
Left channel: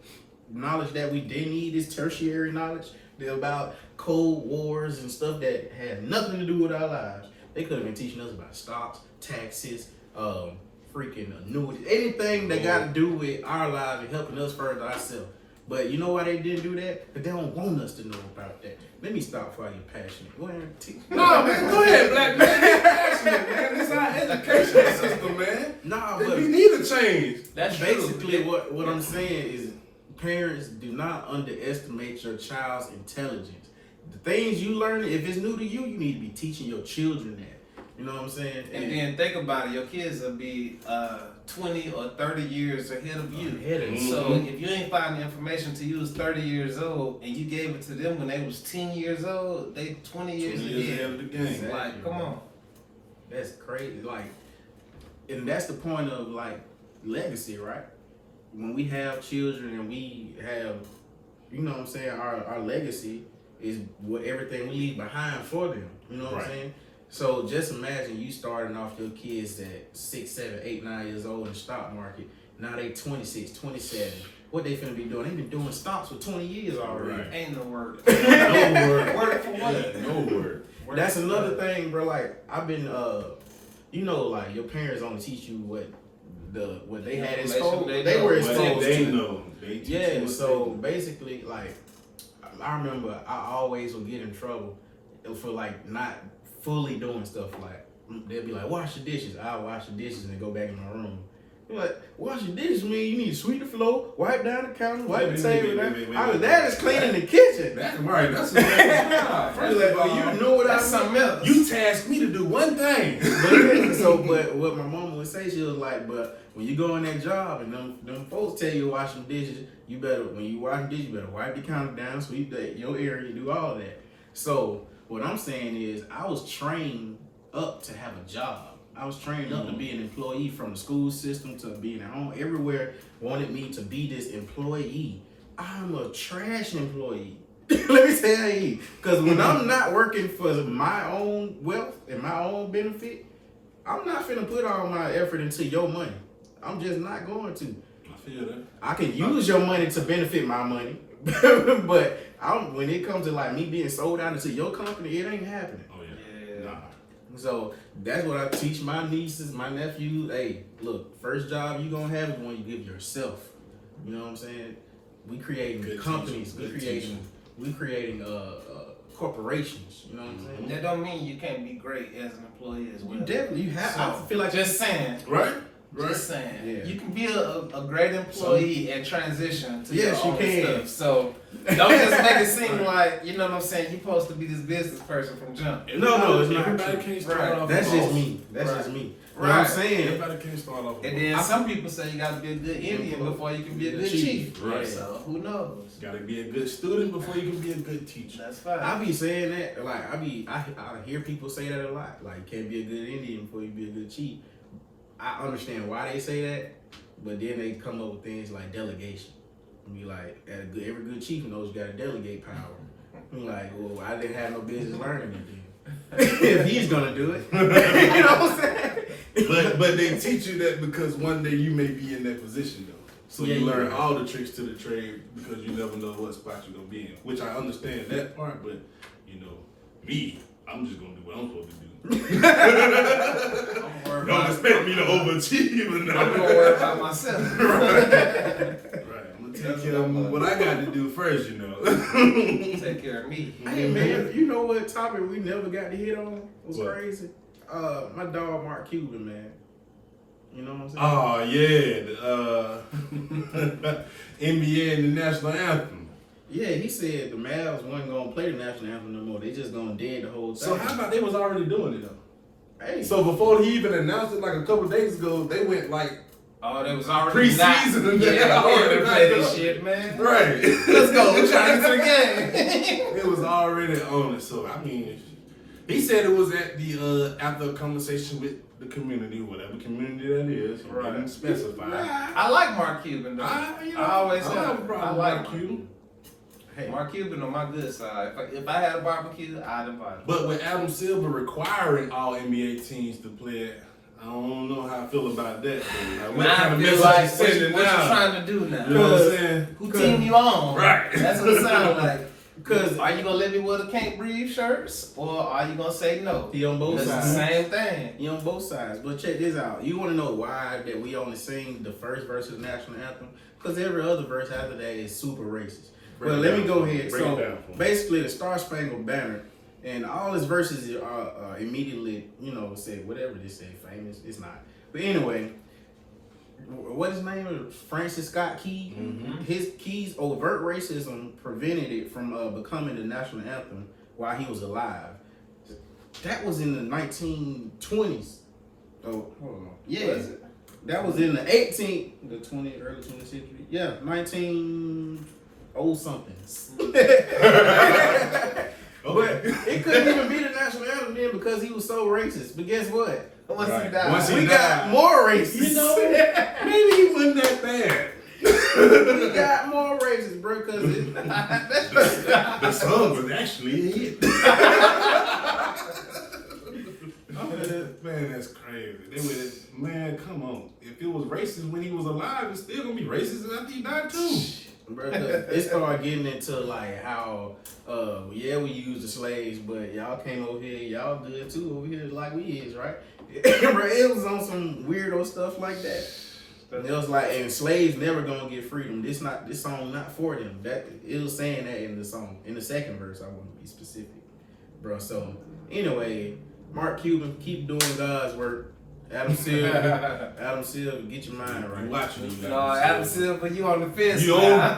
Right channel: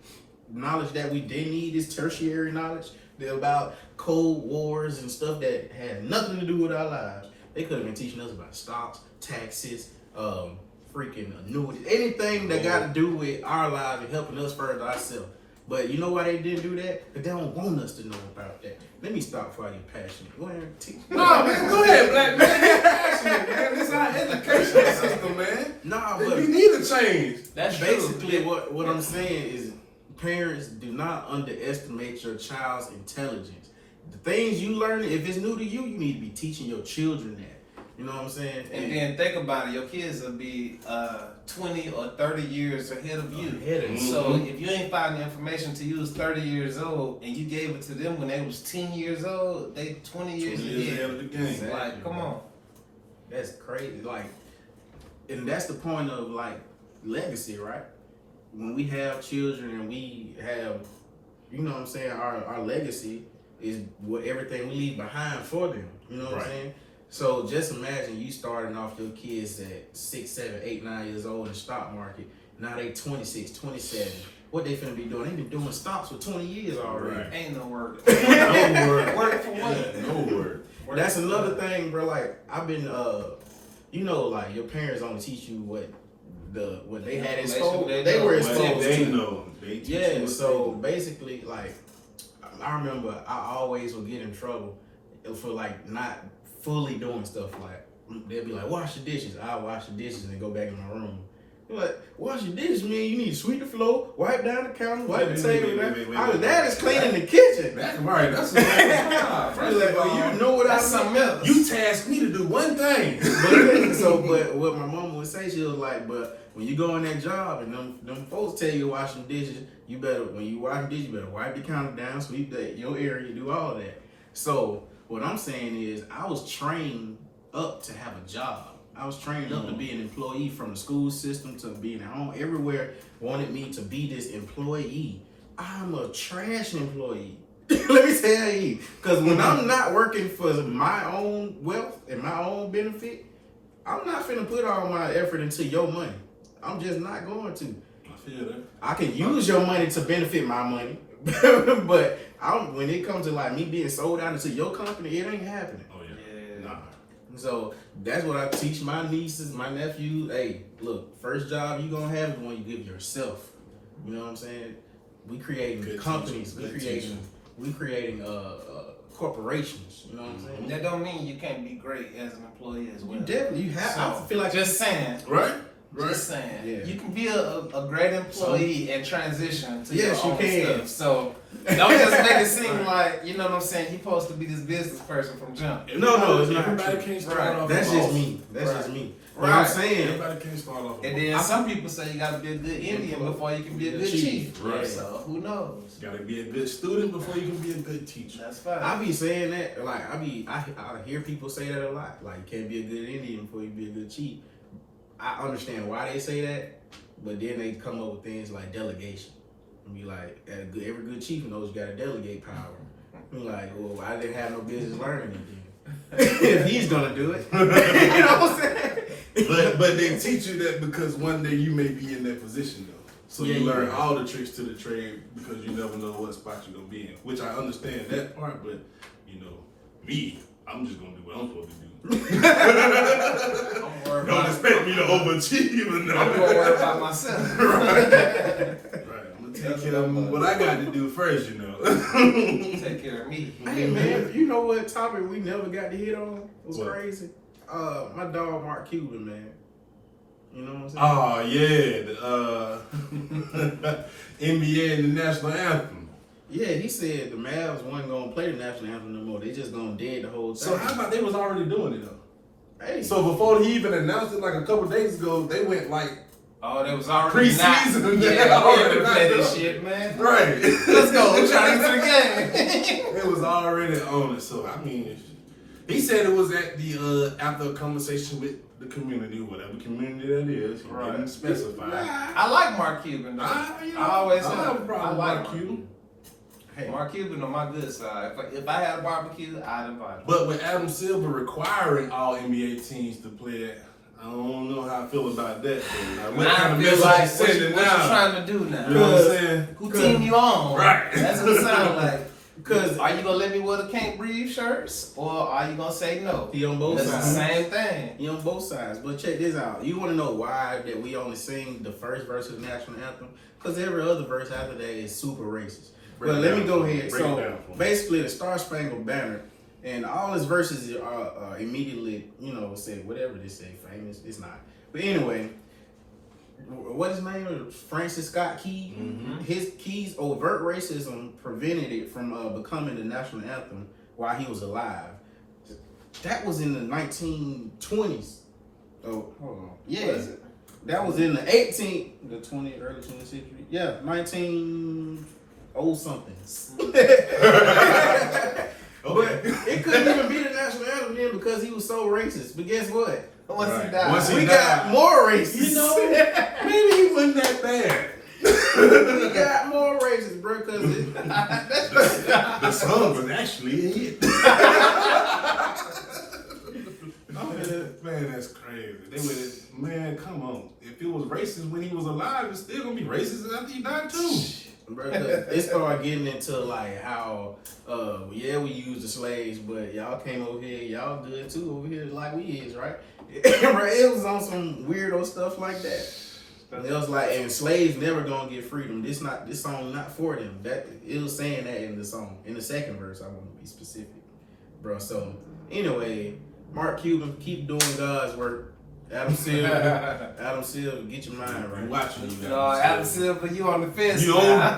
knowledge that we didn't need, this tertiary knowledge about Cold Wars and stuff that had nothing to do with our lives, they could have been teaching us about stocks, taxes, freaking annuities, anything that got to do with our lives and helping us further ourselves. But you know why they didn't do that? Because they don't want us to know about that. Let me stop for your passion. Go ahead. No, man, go ahead, black man. You're passionate, man. This is our educational system, man. Nah, but you need to change. That's basically true. what I'm saying is parents do not underestimate your child's intelligence. The things you learn, if it's new to you, you need to be teaching your children that. You know what I'm saying? And then think about it, your kids will be 20 or 30 years ahead of you. So if you ain't finding the information till you was 30 years old and you gave it to them when they was 10 years old, they 20 years ahead of the game. Exactly. Like, come on. That's crazy. Like, and that's the point of like legacy, right? When we have children and we have, you know what I'm saying, our legacy is what everything we leave behind for them. You know what I'm saying? So just imagine you starting off your kids at 6, 7, 8, 9 years old in the stock market. Now they 26, 27. What they finna be doing? They been doing stocks for 20 years already. Right. Ain't no word. No word. Word for what? No word. That's another thing, bro. Like I've been, you know, like your parents only teach you what they had exposed. They were exposed They to. know. Yeah. So basically, like I remember, I always would get in trouble for like not fully doing stuff. Like they'll be like, wash the dishes. I'll wash the dishes and go back in my room. You're like, wash the dishes, man. You need to sweep the floor, wipe down the counter, wipe the table. That is cleaning the kitchen. That's right. That's what First of all, you know what I mean? Something else. You tasked me to do one thing. But what my mom would say, she was like, but when you go on that job and them folks tell you to wash them dishes, you better, when you wash the dishes, you better wipe the counter down, sweep your area, do all of that. So what I'm saying is I was trained up to have a job. I was trained up to be an employee, from the school system to being at home. Everywhere wanted me to be this employee. I'm a trash employee. Let me tell you. Because when I'm not working for my own wealth and my own benefit, I'm not finna put all my effort into your money. I'm just not going to. I feel that. I can use your money to benefit my money. But when it comes to like me being sold out into your company, it ain't happening. Oh yeah. Nah. So that's what I teach my nieces, my nephews. Hey, look, first job you gonna have is one you give yourself. You know what I'm saying? We creating Good companies. teacher. We creating corporations. You know what I'm saying? That don't mean you can't be great as an employee as well. You have. I feel like just saying. Right. Just saying. Yeah. You can be a great employee and transition to yes, your you own can. stuff. So don't just make it seem like, you know what I'm saying, you're supposed to be this business person from jump. No, it's not. Everybody Everybody can't start off. That's as just boss. me. That's just me. But Right. I'm saying, Everybody can't start off. And then some people say you gotta be a good Indian before you can be a good chief. Right. So who knows? You gotta be a good student before you can be a good teacher. That's fine. I be saying that, like, I hear people say that a lot. Like, you can't be a good Indian before you be a good chief. I understand why they say that, but then they come up with things like delegation. And be like, every good chief knows you gotta delegate power. Be like, well, I didn't have no business learning it then. If he's gonna do it. You know what I'm saying? But they teach you that because one day you may be in that position though. So Yeah, you you learn right. all the tricks to the trade because you never know what spot you're gonna be in. Which I understand that part, but you know, me, I'm just gonna do what I'm supposed to do. Don't expect me to overachieve or I'm nothing. gonna worry about myself. Right. I'm gonna take care of what I got to do first, you know. Take care of me. Hey man, you know what topic we never got to hit on? It was What? crazy. My dog Mark Cuban, man. You know what I'm saying? Oh yeah, the NBA and the national anthem. Yeah, he said the Mavs wasn't gonna play the national anthem no more. They just gonna dead the whole thing. So how about they was already doing it though? Hey, So before he even announced it, like a couple days ago, they went like Oh, they was already Preseason, not. they Yeah, already already play not this done. shit, man. right. Let's go. We're trying to get to the game. It was already on it. So I mean, he said it was at the after a conversation with the community, whatever community that is. He Right. didn't specify. I like Mark Cuban, though. I always don't have. have a problem I like with Mark Cuban. hey, Mark Cuban on my good side. If I had a barbecue, I'd invite him. But with Adam Silver requiring all NBA teams to play it, I don't know how I feel about that. Like, what Now kind of I feel message like you sending what you now? trying to do now? You know what I'm saying? Who team you on? Right. That's what it sounds like. because Are you gonna let me wear the can't breathe shirts, or are you gonna say no? he on both That's the sides. same thing. He on both sides. But check this out. You want to know why that we only sing the first verse of the national anthem? Because every other verse after that is super racist. Break Well, it let down me go for me. ahead. Break it So down for me. basically, the Star Spangled Banner and all his verses are immediately, say whatever they say, famous. It's not. But anyway, what his name is? Francis Scott Key. Mhm. His Key's overt racism prevented it from becoming the national anthem while he was alive. That was in the 1920s. Oh, hold on. Yeah. That was in the 20th, early 20th century. Yeah, 19-somethings. But it couldn't even be the national anthem then because he was so racist. But guess what? Once he Right. died, Once he We died. got more racist. You know, maybe he wasn't that bad. We got more racist, bro, because The song was actually a hit. Man, that's crazy. They would, man, come on. If it was racist when he was alive, it's still gonna be racist after he died too. bro, it started getting into like how, yeah, we use the slaves, but y'all came over here, y'all good too over here like we is, right? Bro, it was on some weirdo stuff like that. And it was like, and slaves never gonna get freedom. This song not for them. That it was saying that in the song. In the second verse, I want to be specific, bro. So anyway, Mark Cuban, keep doing God's work. Adam Silver, get your mind right. You watching you No, Adam Silver, you on the fence. You now.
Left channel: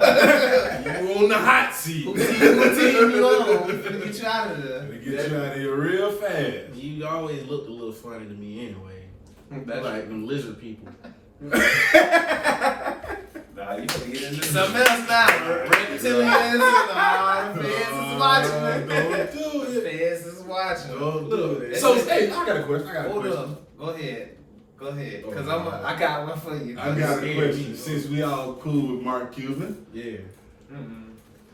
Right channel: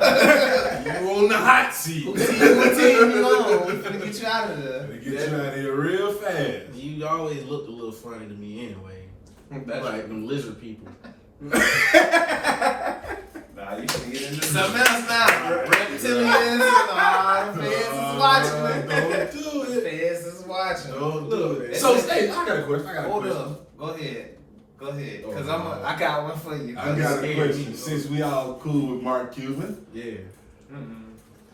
you on the hot seat. Who team you on? We finna get you out of there. They get you out of here real fast. You always looked a little funny to me anyway. That's Like them lizard people. Nah, you finna get into something else now. Reptilians, Feds is watching. Don't do it. Feds is watching. Don't do it. So, hey, I got a question. Hold up. Go ahead. Cause I got one for you. I got a question. Since we all cool with Mark Cuban, Yeah.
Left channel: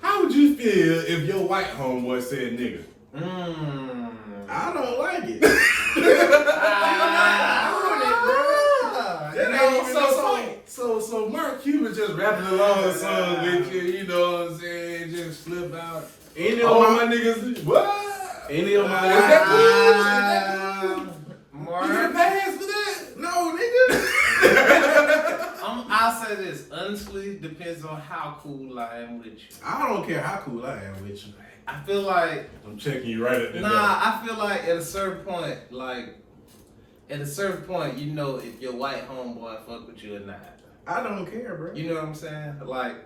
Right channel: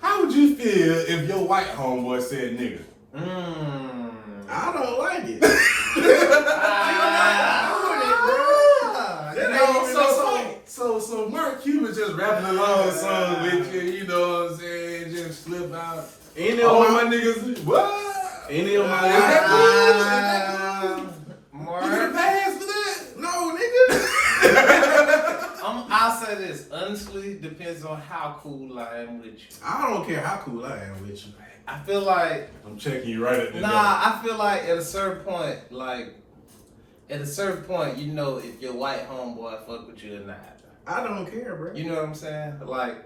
how would you feel if your white homeboy said nigga? I don't like it. So Mark Cuban just rapping along a song with you, you know what I'm saying? Just slip out. Ain't All no my niggas, what? Any of my Is that cool? Is that Mark, You get a pass for that? No, nigga. I'll say this. Honestly, depends on how cool I am with you. I don't care how cool I am with you. I feel like I'm checking you right at the door. I feel like at a certain point, you know if your white homeboy fuck with you or not. I don't care, bro. You know what I'm saying? Like,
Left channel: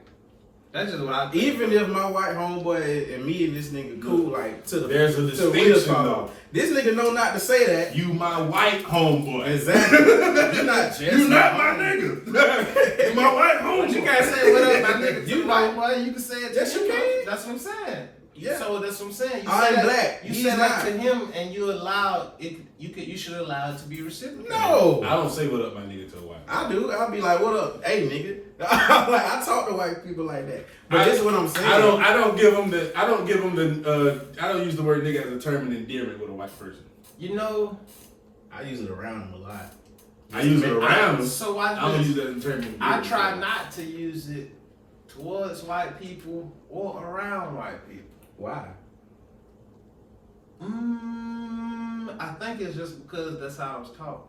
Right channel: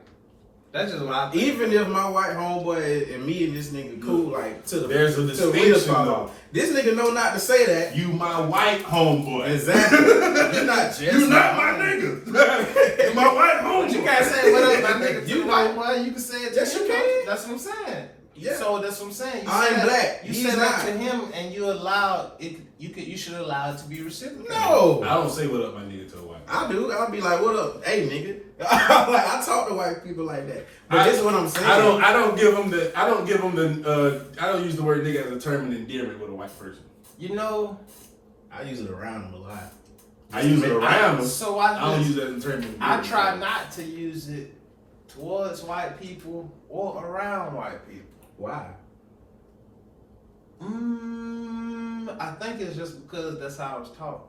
that's just what I think. Even if my white homeboy and me and this nigga cool, like to the There's a to the distinction, wheels fall though. off. This nigga know not to say that. You my white homeboy. Exactly. You're not just You not my nigga. You my white homeboy. You can't say what up, my nigga. You right. know what? You can say it. Yes, you can. That's what I'm saying. Yeah. So that's what I'm saying. You I'm say that- black. You He's say that not. to him, and you allowed it. You should allow it to be reciprocated. No. I don't say what up, my nigga, to a white. I do. I'll be like, what up? Hey, nigga. I talk to white people like that. But this is what I'm saying. I don't give them the. I don't use the word nigga as a term of endearment with a white person. You know. I use it around them a lot. I use it around them. So I don't use it as a term of endearment. I try not to use it towards white people or around white people. Why? I think it's just because that's how I was taught.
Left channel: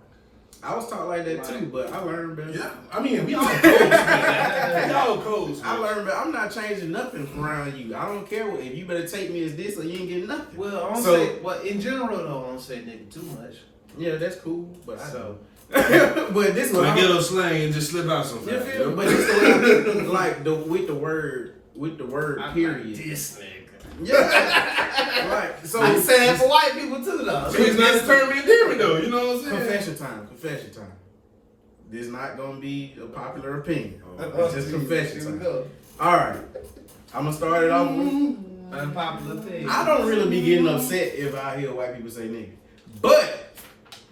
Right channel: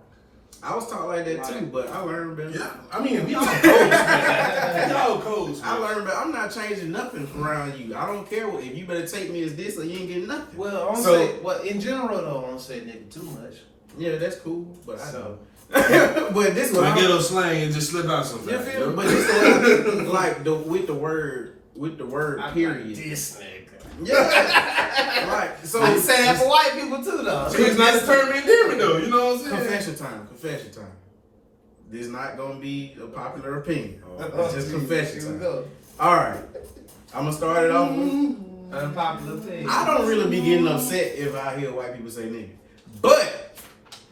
I was taught like that too, but I learned better. Yeah, I mean, we all codes, man. We all codes. I learned better. I'm not changing nothing around you. I don't care if you better take me as this or you ain't getting nothing. Well, I'm So- say, well, in general though, I don't say nigga too much. Yeah, that's cool, but I So, but this So what I I get a little slang and just slip out sometimes. you feel me? But this what I like with the word I'm period. like, this nigga. Yeah, like so. I say that for white people too though. So it's not a term of endearment though. You know what I'm saying? Confession time. Confession time. This is not gonna be a popular opinion. It's just confession Here we time. go. All right, I'm gonna start it off with. Unpopular opinion. I don't really be getting upset if I hear white people say nigga, but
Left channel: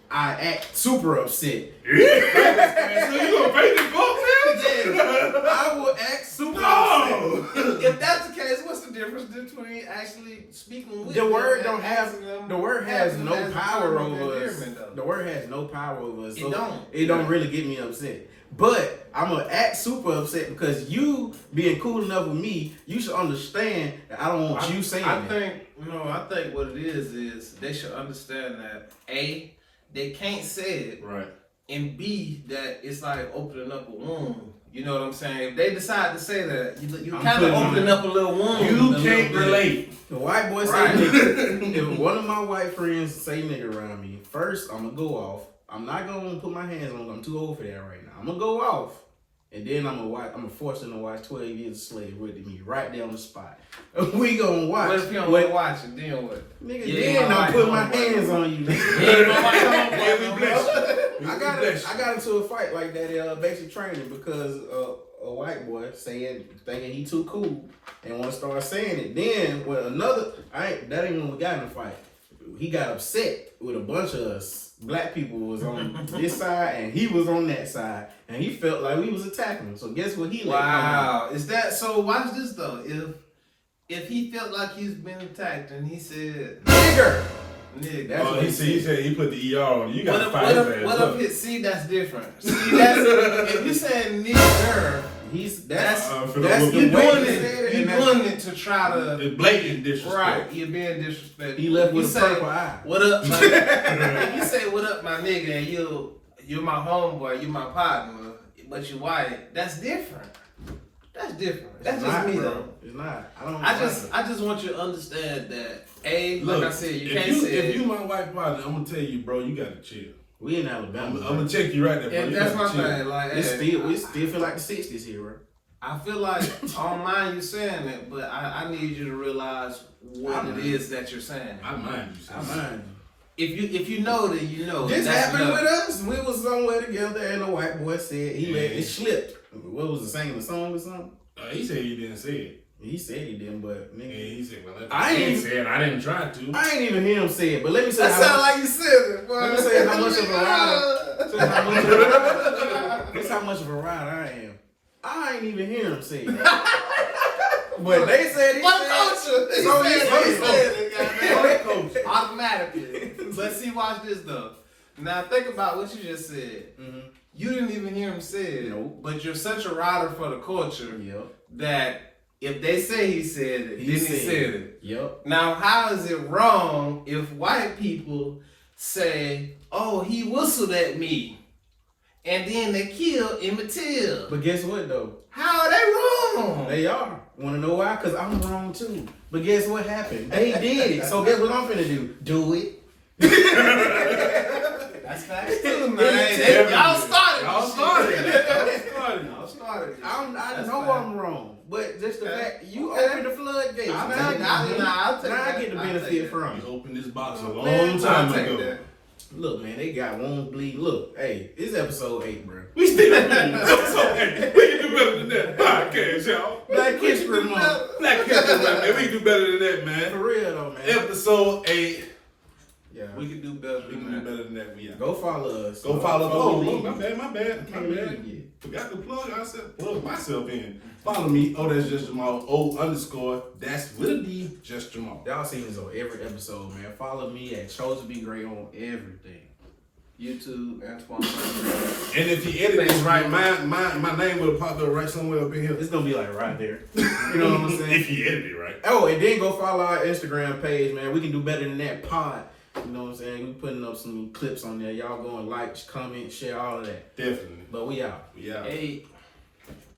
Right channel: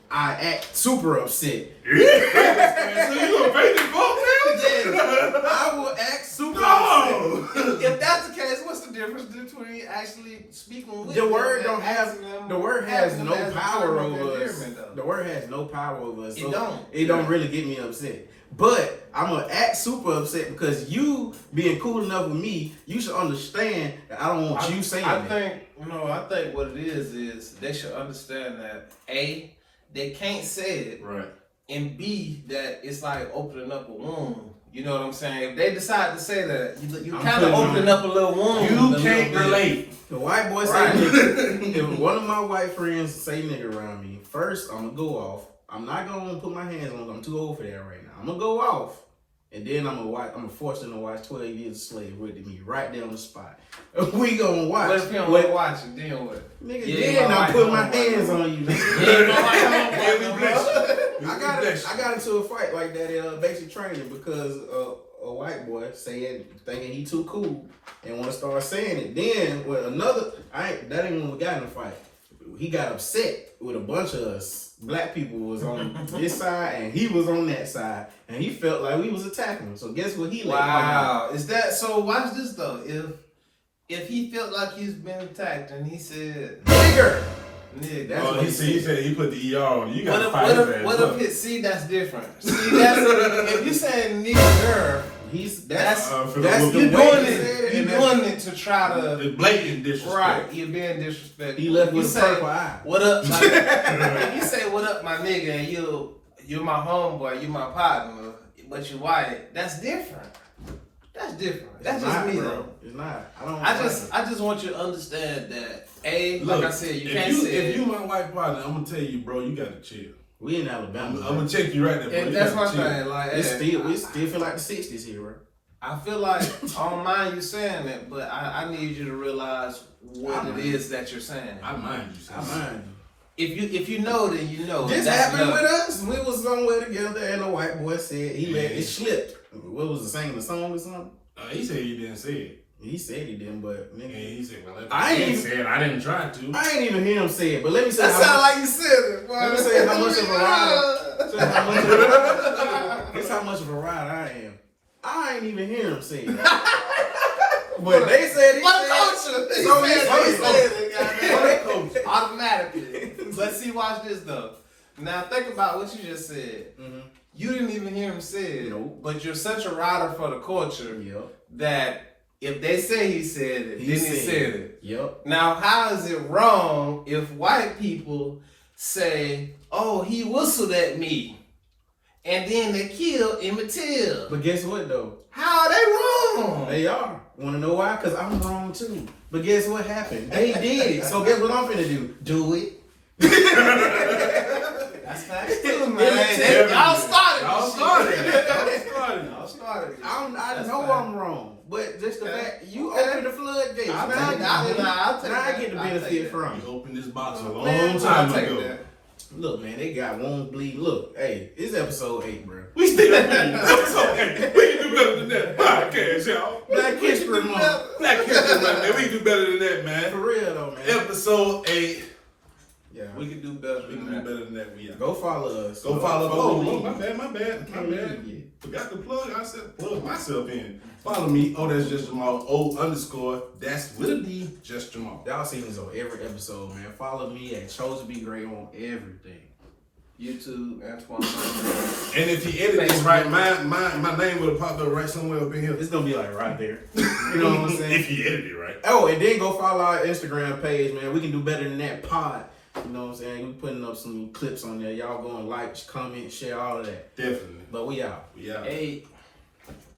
I act super upset. So you gonna pay the fuck now? I will act super upset. No. If that's the case, what's the difference between actually speaking with The word them don't and have. asking them- The word has asking no them as a power term of over us. endearment, though? The word has no power over us. It So don't. it don't really get me upset. But I'm gonna act super upset because you being cool enough with me, you should understand that I don't want you saying I that. think what it is they should understand that A, they can't say it, Right. and B, that it's like opening up a wound. You know what I'm saying? If they decide to say that, you I'm kind of putting opening up a little wound. You a little can't bit. relate. The white boy say Right. nigga. If one of my white friends say nigga around me, first I'm gonna go off. I'm not gonna put my hands on them. I'm too old for that right now. I'm gonna go off. And then I'm gonna force them to watch 12 Years a Slave with me right there on the spot. We gonna watch. Let's be on What- watching. Then what? Nigga, Yeah, then my I'm white putting my homeboy. hands on you, nigga. Yeah, we bless you. I got into a fight like that in basic training because a white boy thinking he too cool and want to start saying it. Then when that ain't when we got in the fight. He got upset with a bunch of us. Black people was on this side and he was on that side, and he felt like we was attacking him. So guess what he let come out? Wow. Is that so? Watch this though. If he felt like he's been attacked and he said Nigger. nigga, That's Oh, what he said he put the ER on. You what got to if, fight what his if, ass what up. if see that's different. See that's if you saying nigger, that's for that's the the you way doing he said it. it, You and that's- doing it to try to It's blatant disrespect. right. You're being disrespectful. He left You with a say, purple eye. What up? Like, if you say what up, my nigga, and you're my homeboy, you my partner, but you white, that's different. That's different. That's It's just not, me bro. though. It's not. I don't. I just want you to understand that Look, like I said, you if can't you, say if you my white partner, I'm gonna tell you, bro, you gotta chill. We in Alabama. I'm gonna check you right there, bro. and You that's my gotta chill. thing. Like, We still feel like the 60s here, bro. I feel like I don't mind you saying it, but I need you to realize what it is that you're saying. I mind you. I mind you. If you know, then you know. This That's happened enough. with us. We was somewhere together, and the white boy said he let it slipped. What was it, singing the song or something? He said he didn't say it. He said he didn't, but And nigga, he said, well, I ain't- said I didn't try to. I ain't even hear him say it. But let me say That how sounded much. like you said it, boy. Let me say how much of a rider. This how much of a- this how much of a rider I am. I ain't even hear him say that. But they said he My said culture. So he He said it, goddamn. Automatically. But see, watch this though. Now think about what you just said. Mhm. You didn't even hear him say it. Nope. But you're such a rider for the culture Yep. that If they say he said it, he said it. Yep. Now, how is it wrong if white people say, "Oh, he whistled at me," and then they kill Emmett Till? But guess what though? How are they wrong? They are. Wanna know why? Cause I'm wrong too. But guess what happened? They did it. So guess what I'm finna do? Do it. That's facts too, man. Y'all started. I know I'm wrong, but just the fact you opened the floodgates. I get the benefit from. You opened this box a long time ago. Look, man, they got wounds bleed. Look, hey, it's episode 8, bro. We still episode 8. We can do better than that podcast, y'all. Black History Month. Black History Month, man. We can do better than that, man. For real though, man. Episode 8. Yeah, we can do better. We can do better than that. We are. Go follow us. Go follow. Oh, my bad. Yeah. Forgot to plug. I said plug myself in. Follow me. Oh, that's just Jamal. O_ that's with a D. Just Jamal. Y'all see this on every episode, man. Follow me at Chose to Be Great on everything. YouTube, Antoine. And if you edit this right, my name would have popped up right somewhere up in here. It's gonna be like right there. You know what I'm saying? If you edit it right. Oh, and then go follow our Instagram page, man. We can do better than that pod. You know what I'm saying? We putting up some clips on there. Y'all go and like, comment, share, all of that. Definitely. But we out. We out. Hey.